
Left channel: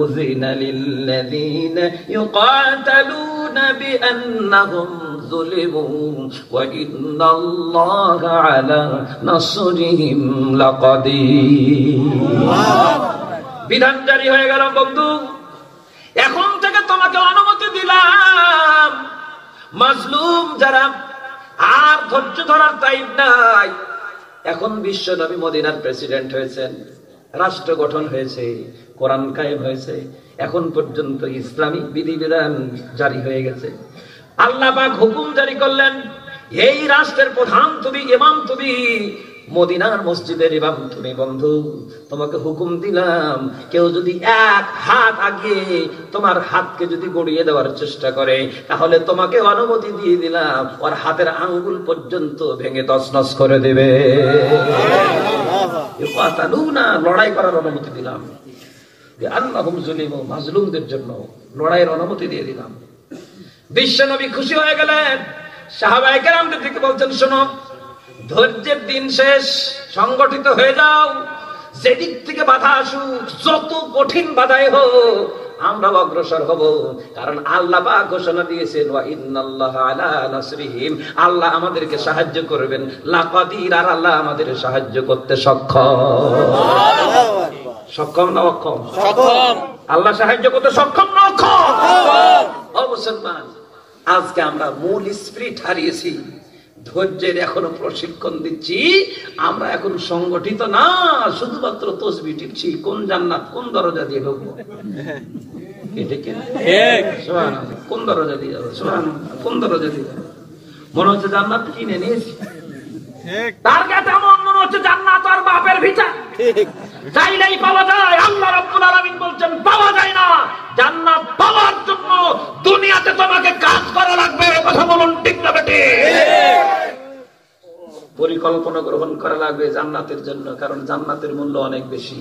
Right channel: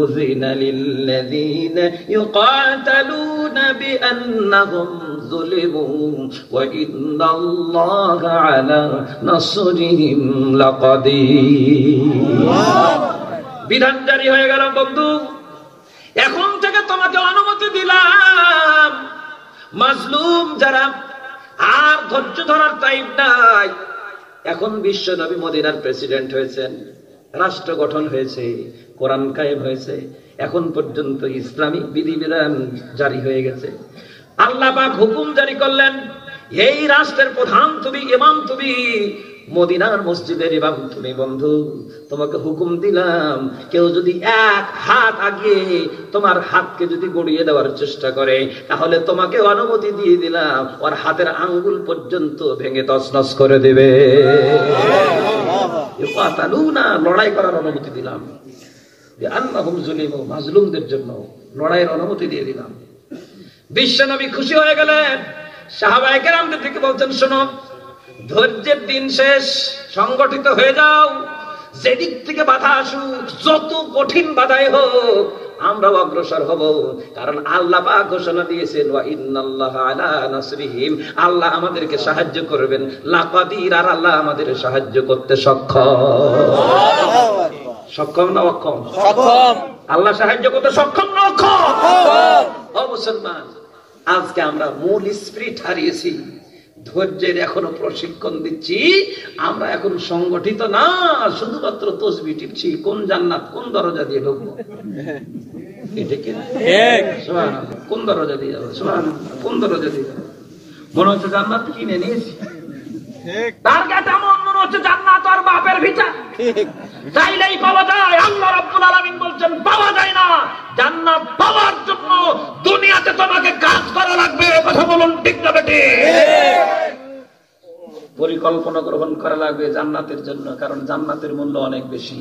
উযিনা লিল্লাযীনা ইউকাতালুনা বিআন্নাহুম যুলিমু ওয়া ইন্নাল্লাহা আলা নাসরিহিম লাকাদির। বিধান জারি হয়ে গেল বন্ধু, এখন থেকে তোমাকে অনুমতি দিলাম, মাজলুম যারা আর ধৈর্য ধরার টাইম নাই। এখন বিশ্ব নবী মদিনার প্রেসিডেন্ট হয়েছেন, রাষ্ট্র গঠন হয়েছে, কোরআন কায়েম হয়েছে, এখন পর্যন্ত ইসলামী বিধিবিধান জারি হয়ে গেছে। আল্লাহ পাক হুকুম জারি করলেন, এই রাষ্ট্রের প্রধান তুমি, ইমাম তুমি, মদিনার মসজিদের ইমাম তুমি। বন্ধু তোমাকে হুকুম দিলাম, কেউ যদি এক হাত আগিয়ে তোমার হাতকে যদি গড়িয়ে দেওয়ার চেষ্টা করে, তাহলে তোমাকে অনুমতি দিয়ে দিলাম ওর হাতের আঙ্গুল পর্যন্ত ভেঙে তছনছ করে দেবে। লড়াই করার অনুমতি দিলাম, আল্লাহুম যুলিমু, মাজলুমদের জন্য লড়াইয়ের অনুমতি দিয়ে দিলাম। বিশ্ব নবী খুশি হয়ে গেলেন। সাহাবায়ে কেরামদের দিকে বলছেন, শোনো, ধৈর্যের দিন শেষ, সংগঠিত হয়ে যাও। যেদিক থেকে বাধা আসুক, যত কঠিন বাধাই হোক, আমরা অগ্রসর হব। কারণ আল্লাহ পাক ঘোষণা দিয়েছেন, ওয়া ইন্নাল্লাহা আলা নাসরিহিম, আল্লাহ আমাদেরকে সাহায্য করবেন, লাকাদির, আর আল্লাহ আমাদের সাহায্য করতে সক্ষম। সক্ষম না অক্ষম? সক্ষম। আল্লাহ সাহায্য করতে সক্ষম না অক্ষম? ও মুসলমান, আজকে আমরা মূল স্পিরিট হারিয়েছি। ধৈর্যের এখনো প্রশিক্ষণ দিচ্ছি আমরা, এখন সংগঠিত না, শুধুমাত্র তসবিহ টিপছি। কোন জান্নাত, কোন দরজা দিয়ে ঢুকবো, কোন দরজা দিয়ে যাবো, কোন দরজা দিয়ে যাবো? মনে হচ্ছে জান্নাত কিনে নিয়েছি, তার কাছে এমন মনে হচ্ছে জান্নাত আর বাপের ভিটা, চাইলেই পাওয়া যায়। আল্লাহ রাব্বুল আলামিন বলছেন পাওয়া যায় না। জান্নাত পাওয়ার জন্য দুনিয়াতে তোমাকে কাজ করা লাগবে। কথা বলুন ঠিক না বেঠিক? পরিকল্পনা গ্রহণ করা লাগবে জান্নাতের জন্য, কারণ জান্নাতের মূল্য অনেক বেশি।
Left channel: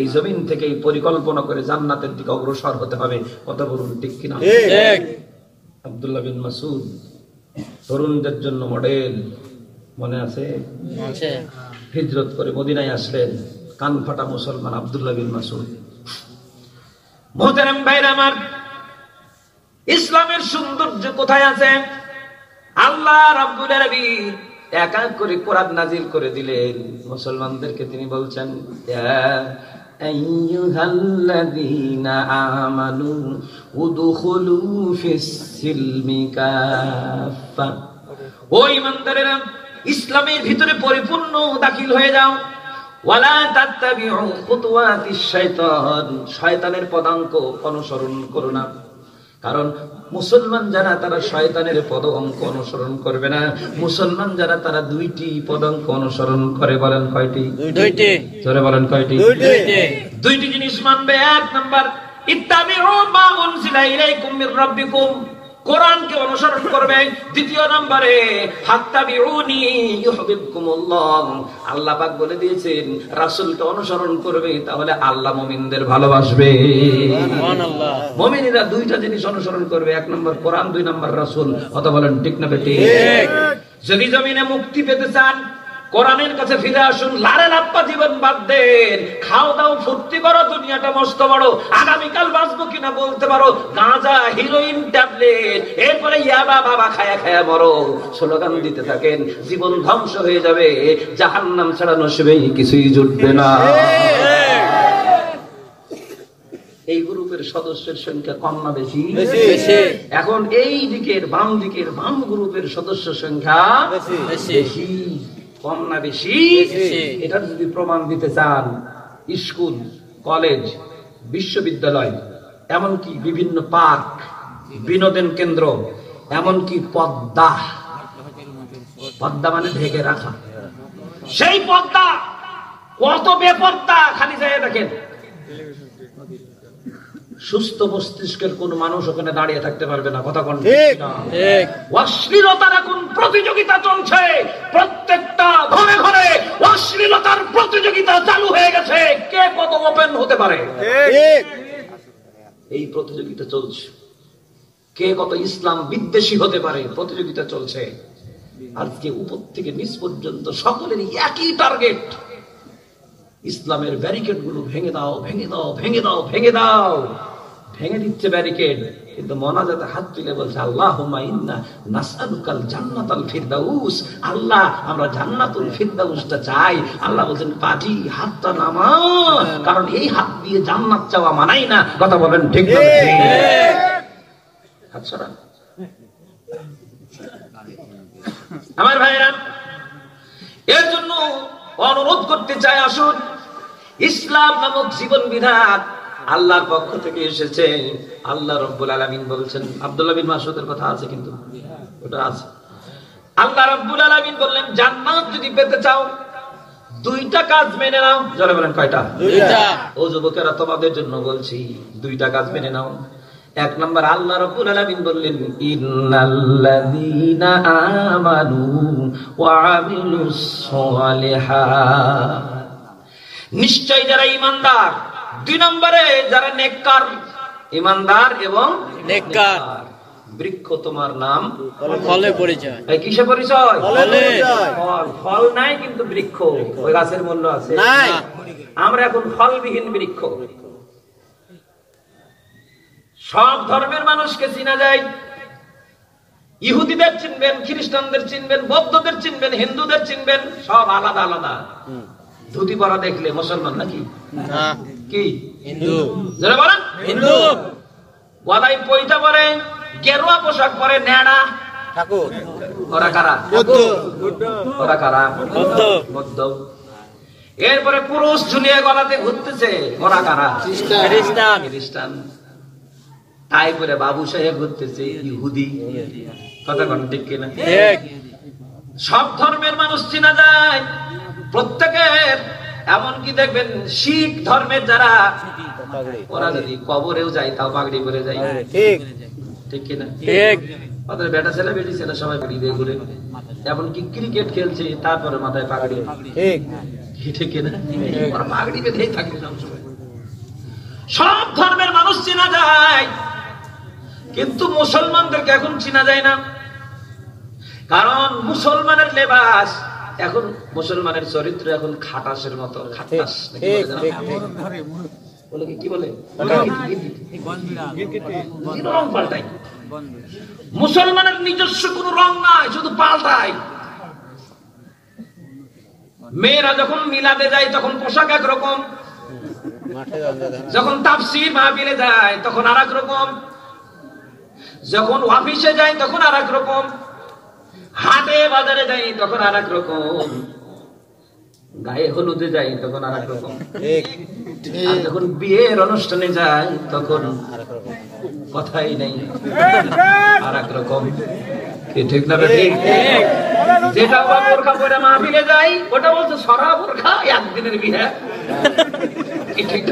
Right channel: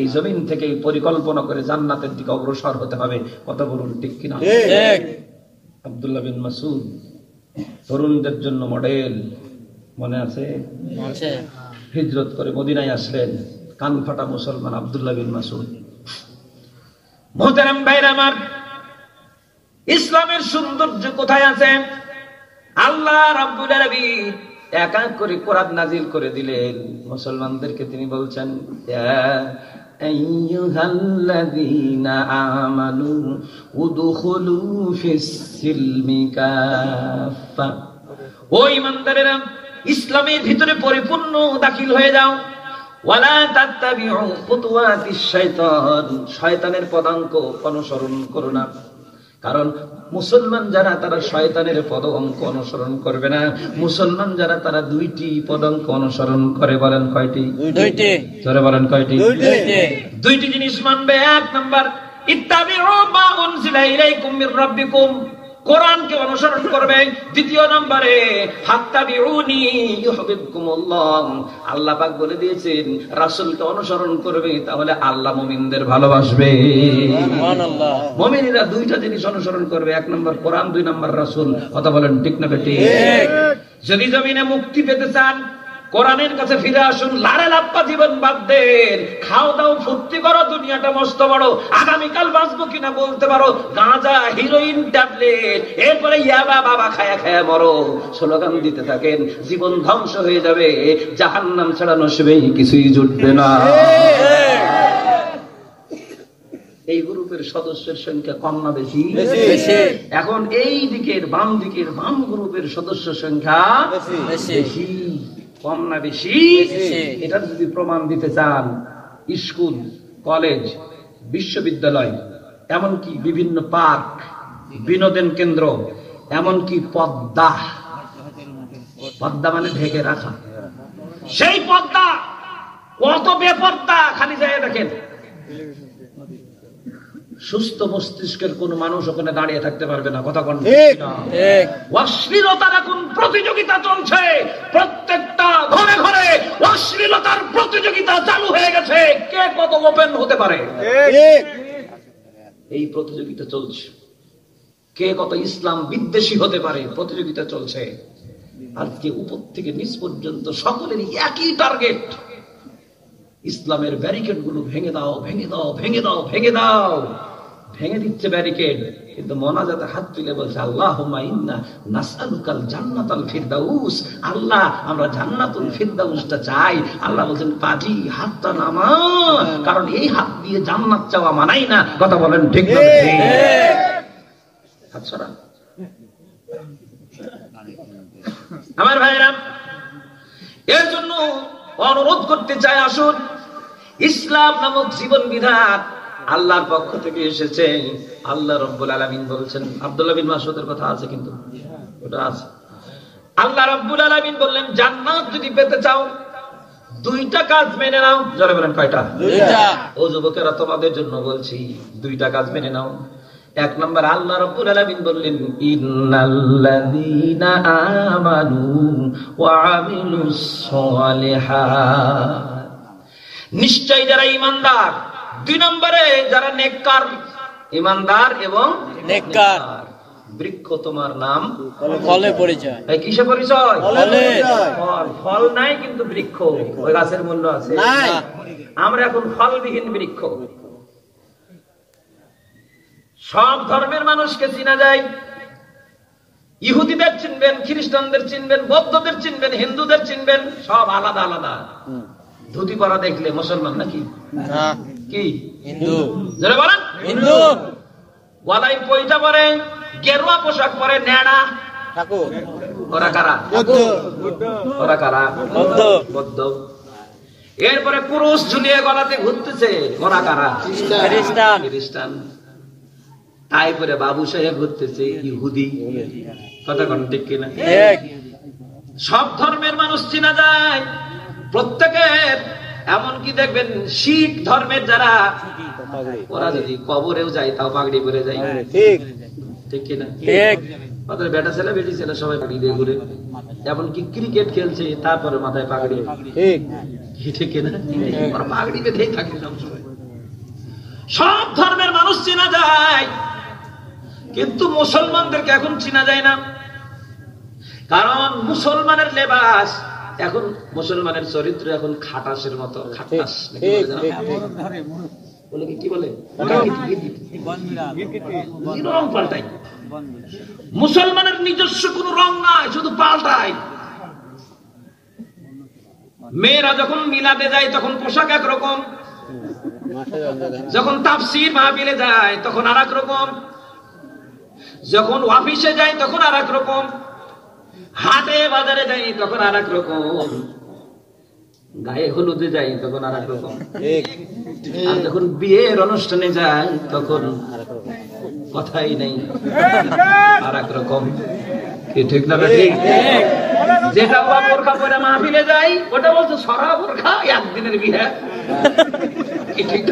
এই জমিন থেকে পরিকল্পনা করে জান্নাতের দিকে অগ্রসর হতে হবে। কথা বলুন ঠিক কিনা? আব্দুল্লাহ বিন মাসউদ তরুণদের জন্য মডেল, মনে আছে? হিজরত করে মদিনায় আসলেন, কান ফাটা মুসলমান আব্দুল্লাহ বিন মাসউদ। মুহতারাম ভাইরা আমার, ইসলামের সৌন্দর্য কোথায় আছে? আল্লাহ রাব্বুল আলামিন এক এক করে কোরআন নাযিল করে দিলেন। মুসলমানদেরকে তিনি বলছেন, ইয়া আইয়ুহাল্লাযীনা আমানু উদখুলু ফিস-সিলমি কাফা, ও ঈমানদারেরা, ইসলামের ভিতরে পরিপূর্ণ দাখিল হয়ে যাও। ওয়ালা তাত্তাবিউ খুতুওয়াতিশ শাইতান, শয়তানের পদাঙ্ক অনুসরণ করো না। কারণ মুসলমান যারা তারা শয়তানের পদাঙ্ক অনুসরণ করবে না। মুসলমান যারা তারা দুইটি পদাঙ্ক অনুসরণ করে। বলেন কয়টি? দুইটি। জোরে বলেন কয়টি? দুইটি জিনিস মানবে। এক নাম্বার, ইত্তাবিউ মা উনজিলা ইলাইকুম মির রাব্বিকুম, কোরআনকে অনুসরণ করবে। দ্বিতীয় নম্বরে, ফাত্তাবিউনি ইউহিব্বুকুমুল্লাহ, আল্লাহ পাক বলে দিয়েছেন রাসূলকে অনুসরণ করবে, তাহলে আল্লাহ মুমিনদের ভালোবাসবে। সুবহানাল্লাহ। মুমিনরা দুইটা জিনিস অনুসরণ করবে, এক নম্বর কোরআন, দুই নম্বর রাসূল। কথা বলেন ঠিক না বেঠিক? যদি জমিনে মুক্তি পেতে চান, কোরআনের কাছে ফিরে আসুন। লারে লাপ্পা জীবন বাদ দেন, খাও দাও ফুর্তি করো, দুনিয়াটা মস্ত বড়, আগামীকাল বাঁচবো কিনা বলতে পারো। গাঁজা, হিরোইন, ট্যাবলেট, এরপরে ইয়াবা বাবা খায়া খায়া মরো, স্লোগান দিতে থাকেন, জীবন ধ্বংস হয়ে যাবে। জাহান্নাম ছাড়া নসিবে কিছুই জুটবে না। এই গ্রুপের সদস্যের সংখ্যা কম না বেশি? এখন এই দিকের বাম দিকের বাম গ্রুপের সদস্য সংখ্যা বেশি। কম না বেশি? এটা যদি প্রমাণ দিতে চান, স্কুল, কলেজ, বিশ্ববিদ্যালয়, এমনকি বিভিন্ন পার্ক, বিনোদন কেন্দ্র, এমনকি পদ্মা, পর্দা মানে ঢেকে রাখা। সেই পর্দা কত বেপর্দা, খালি জায়গায় দেখেন। সুস্থ মস্তিষ্কের কোন মানুষ ওখানে দাঁড়িয়ে থাকতে পারবে না। কথা কোন অশ্লীলতার এখন প্রতিযোগিতা চলছে, প্রত্যেকটা ঘরে ঘরে অশ্লীলতার প্রতিযোগিতা চালু হয়ে গেছে। কে কত ওপেন হতে পারে এই প্রতিযোগিতা চলছে। কে কত ইসলাম বিদ্বেষী হতে পারে প্রতিযোগিতা চলছে। আজকে উপর থেকে নিচ পর্যন্ত সকলেরই একই টার্গেট, ইসলামের ব্যারিকেড গুলো ভেঙে দাও, ভেঙে দাও, ভেঙে দাও, ভেঙে দাও। ভেঙে দিচ্ছে ব্যারিকেড, কিন্তু মোনাজাতে হাত তুলে বলছে আল্লাহুম্মা ইন্না নাসআলুকাল জান্নাতাল ফিরদাউস। আল্লাহ, আমরা জান্নাতুল ফিরদাউসটা চাই। আল্লাহ বলেন পাজি হাতটা নামা, কারণ এই হাত দিয়ে জান্নাত চাওয়া মানাই না। কথা বলেন ঠিক না? হাত সরান। আমার ভাইরা, এর জন্য অনুরোধ করতে চাই, আসুন ইসলাম নামক জীবন বিধান আল্লাহর পক্ষ থেকে এসেছে। আল্লাহ রাব্বুল আলামিন বলেছেন, আব্দুল্লাহ বিন মাসউদের কথা আছে, কিন্তু ওটা আছে। আল্লাহ রাব্বুল আলামিন বললেন, জান্নাত যদি পেতে চাও দুইটা কাজ মেনে নাও। জোরে বলেন, কয়টা? দুইটা। ও যুবকেরা, তোমাদের জন্য বলছি, দুইটা কাজ মেনে নাও। এক নম্বর, আল্লাহ রাব্বুল আলামিন বললেন, ইন্নাল্লাযীনা আমানু ওয়া আমিলুস সালিহাত, নিশ্চয় যারা ঈমানদার। দুই নম্বরে, যারা নেককার, ঈমানদার এবং নেককার। বৃক্ষ তোমার নাম ফলে পরিচয়। কিসে পরিচয়? ফল। ফল নাই কিন্তু বৃক্ষ, ওই গাছের মূল্য আছে। আমরা এখন ফলবিহীন বৃক্ষ। সব ধর্মের মানুষকে চিনা যায়। ইহুদিদের চিনবেন, খ্রিস্টানদের চিনবেন, বৌদ্ধদের চিনবেন, হিন্দুদের চিনবেন, সব আলাদা আলাদা। ধুতি পরা দেখলে মুসলমান নাকি? কি হিন্দু? যারা বলেন হিন্দু। গলায় পয়সা পরে, গেরুয়া পোশাক পরে, নেড়া, ওরা কারা? ওরা কারা? বৌদ্ধ। এরপরে পুরুষ ঝুলিয়ে গলাতে ঘুরতেছে, ওরা কারা? খ্রিস্টান। তাই করে বাবু সাহেব ঘুরতেছে, ইহুদি। কথা কোন ঠিক কিনা? সব ধর্মের মানুষ চেনা যায় প্রত্যেকের। এমনকি দেখবেন শিখ ধর্মের যারা, ওরা যদি কবরেও যায় তাও পাগড়ি পরে যায়। ঠিক কিনা? ওদের বেটা ছেলে বেটি ছেলে সবাই পাগড়ি দিয়ে ঘুরে। এমনকি ক্রিকেট খেলছে, তারপরে মাথায় পাগড়ি। ঠিক কিনা? ওরা পাগড়ি বেঁধেই থাকে সবসময়। সব ধর্মের মানুষ চেনা যায়, কিন্তু মুসলমানদেরকে এখন চেনা যায় না। কারণ মুসলমানের লেবাস এখন, মুসলমানের চরিত্র এখন খাটাসের মতো। খাটাস কি বলে? রং পাল্টাই। মুসলমানের নিজস্ব কোন রং নাই, শুধু পাল্টায়। মেয়েরা যখন মিলাদে যায় তখন পোশাক একরকম, যখন তাফসীর মাহফিলে যায় তখন আর এক রকম, যখন অফিসে যায় তখন আর এক রকম, হাটে বাজারে যাই তখন আর এক রকম, গায়ে হলুদে যাই তখন আর এক রকম, যখন বিয়ের অনুষ্ঠানে যাই তখন কথাই নেই, আর এক রকম। ঠিক না? যেটা বোরখা পরে মাহফিলে যাই ওটা বলছে সরা বোরখা, একদিনের বিয়ে। ঠিক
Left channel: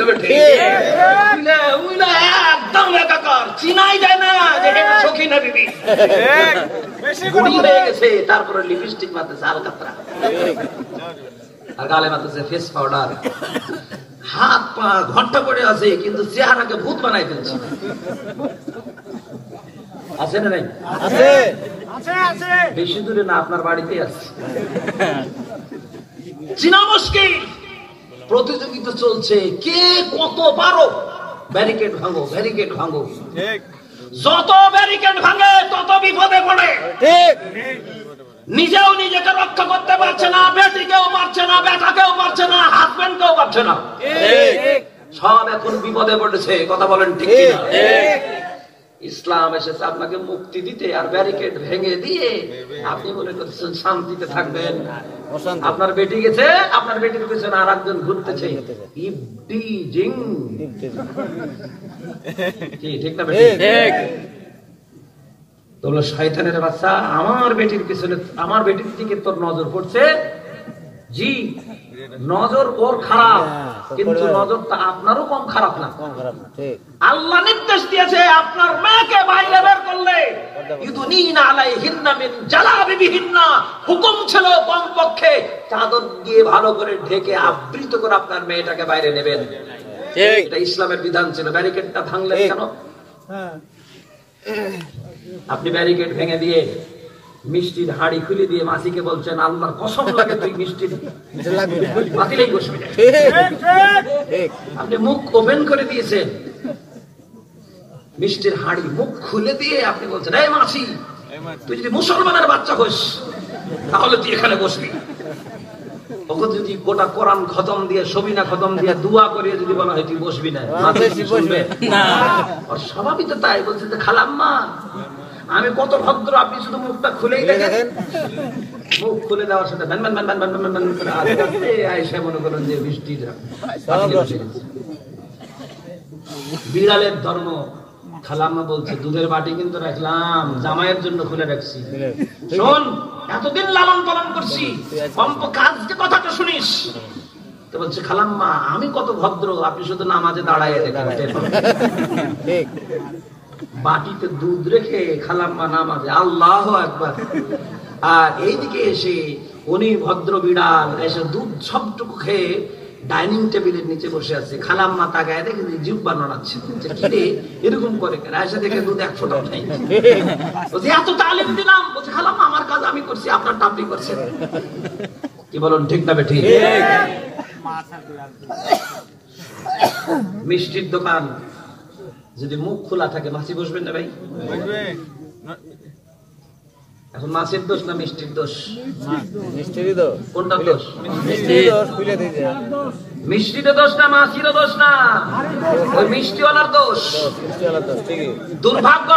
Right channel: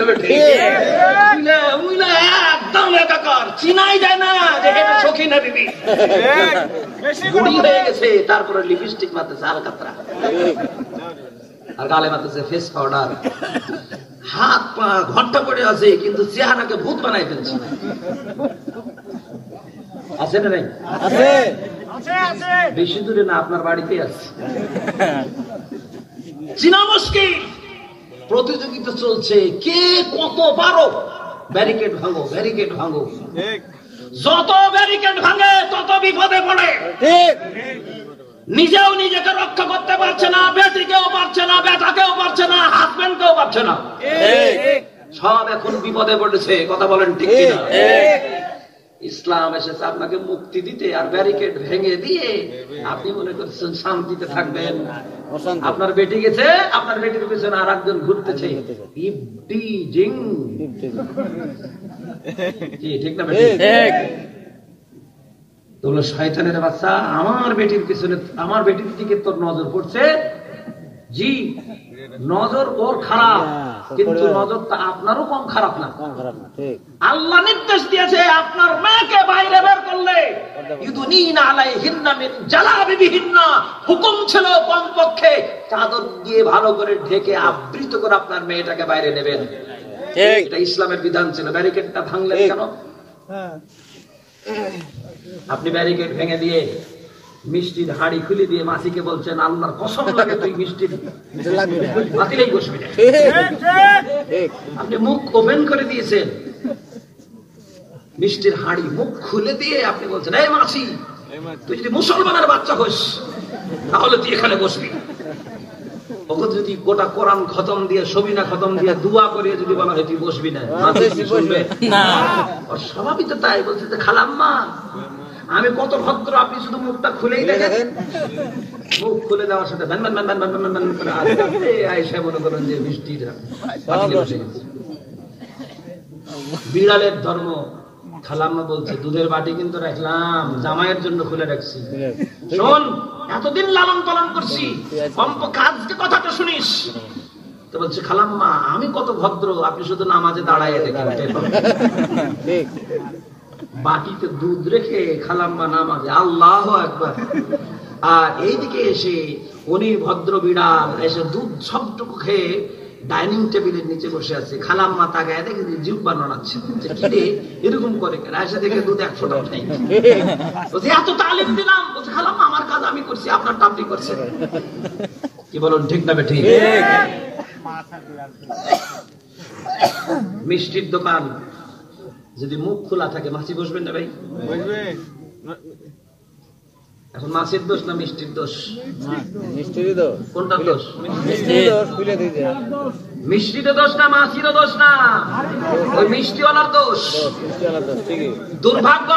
না? একদম একাকার, চিনাই যায় না যে এটা সখিনা দিদি। বুড়ি হয়ে গেছে, তারপরে লিপস্টিক মারতেছে আলকাতরা, আর গালে মারতেছে ফেস পাউডার, হাত পা ঘন্টা পড়ে আছে, কিন্তু চেহারাকে ভূত বানাই ফেলছে। আছে না? নাই? আছে। বেশি দূরে না, আপনার বাড়িতে আছে। চিনা মুশকিল। প্রতিযোগিতা চলছে, কে কত পারো। ব্যারিকেড ভাঙো, ব্যারিকেড ভাঙো। যত ব্যারিকেড ভাঙে তত বিপদে পড়ে। নিজেও নিজেকে রক্ষা করতে পারছে না, বেটিকেও পারছে না, বেটাকেও পারছে না, হাজবেন্ডকেও পারছে না। সব এখন বিপদে পড়েছে। কথা বলেন ঠিক কিনা? ইসলাম এসেছে আপনাকে মুক্তি দিতে, আর ব্যারিকেড ভেঙে দিয়ে আপনি মনে করছেন শান্তিতে থাকবেন। আপনার বেটি গেছে, আপনার বেটির পেছনে আর একজন ঘুরতেছে। ঠিক না? তো বলল শয়তানের বাচ্চা, আমার বেটির পিছনে, আমার বেটির দিকে তোর নজর পড়ছে। জি, নজর ওর খারাপ, কিন্তু নজরটা আপনারও কম খারাপ না। আল্লাহ নির্দেশ দিয়েছে আপনার মেয়েকে বাইরে বের করলে ইউদুনিনা আলাইহিন্না মিন জালাবিবিহিন্না, হুকুম ছিল কমপক্ষে চাদর দিয়ে ভালো করে ঢেকে আবৃত করে আপনার মেয়েটাকে বাইরে নেবেন। এটা ইসলামের বিধান ছিল। ব্যারিকেডটা ভাঙলেন কেন? আপনি ব্যারিকেড ভেঙে দিয়ে মিষ্টির হাড়ি খুলে দিয়ে মাসিকে বলছেন আল্লাহর কসম লাগে তুই মিষ্টির বাতিলেই বসবি না। আপনি মুখ ওপেন করে দিয়েছেন, মিষ্টির হাড়ি মুখ খুলে দিয়ে আপনি বলছেন এই মাসি তুই যদি মুসলমানের বাচ্চা হোস তাহলে তুই এখানে বসবি। ওকে যদি গোটা কোরআন খতম দিয়ে সবিনা খতম দিয়ে দোয়া করিয়ে যদি বলা হয় তুই বসবি না, ওর স্বভাবই তো তাই। বলছে যে খালাম্মা আমি কত ভদ্র, আপনি শুধু মুখটা খুলেই দেখেন। মুখ খুলে দেওয়ার সাথে আয়েশা মনে করেন যে বৃষ্টির বিড়ালের ধর্ম। খালাম্মা বলছে দুধের বাটি কিন্তু রাখলাম, জামাইয়ের জন্য খুলে রাখছি। শোন, এতদিন লালন পালন করছি, কমপক্ষে আজকে কথাটা শুনিস। তো বলছে খালাম্মা আমি কত ভদ্র, আপনি শুধু নামাজে দাঁড়াইয়ে দেখেন। বাটিতে দুধ রেখে খালাম্মা নামাজে, আল্লাহু আকবার। আর এইদিকে এসে উনি ভদ্র বিড়াল এসে দুধ সবটুকু খেয়ে ডাইনিং টেবিলের নিচে বসে আছে। খালাম্মা তাকায় দেখে জিহ্বা নাড়াচ্ছে, এরকম করে এসে দেখে দুধ এক ফোঁটাও খাই। বলছে এত তালিম দিলাম। বলছে খালাম্মা আমার কাজ আমি করছি, আপনার আপনি করছেন। কি বলুন, ঠিক না ঠিক? মিষ্টির দোকান যদি মুখ খোলা থাকে মাছি বসবেন না ভাই? এখন মাছের দোষ না মিষ্টির দোষ? মিষ্টির দোষ। কোনটা দোষ? মিষ্টির দোষ। খুলে দিতে মিষ্টিতে দোষ না, মাছিরও দোষ না, ওই মিষ্টিওয়ালার দোষ। দুর্ভাগ্য।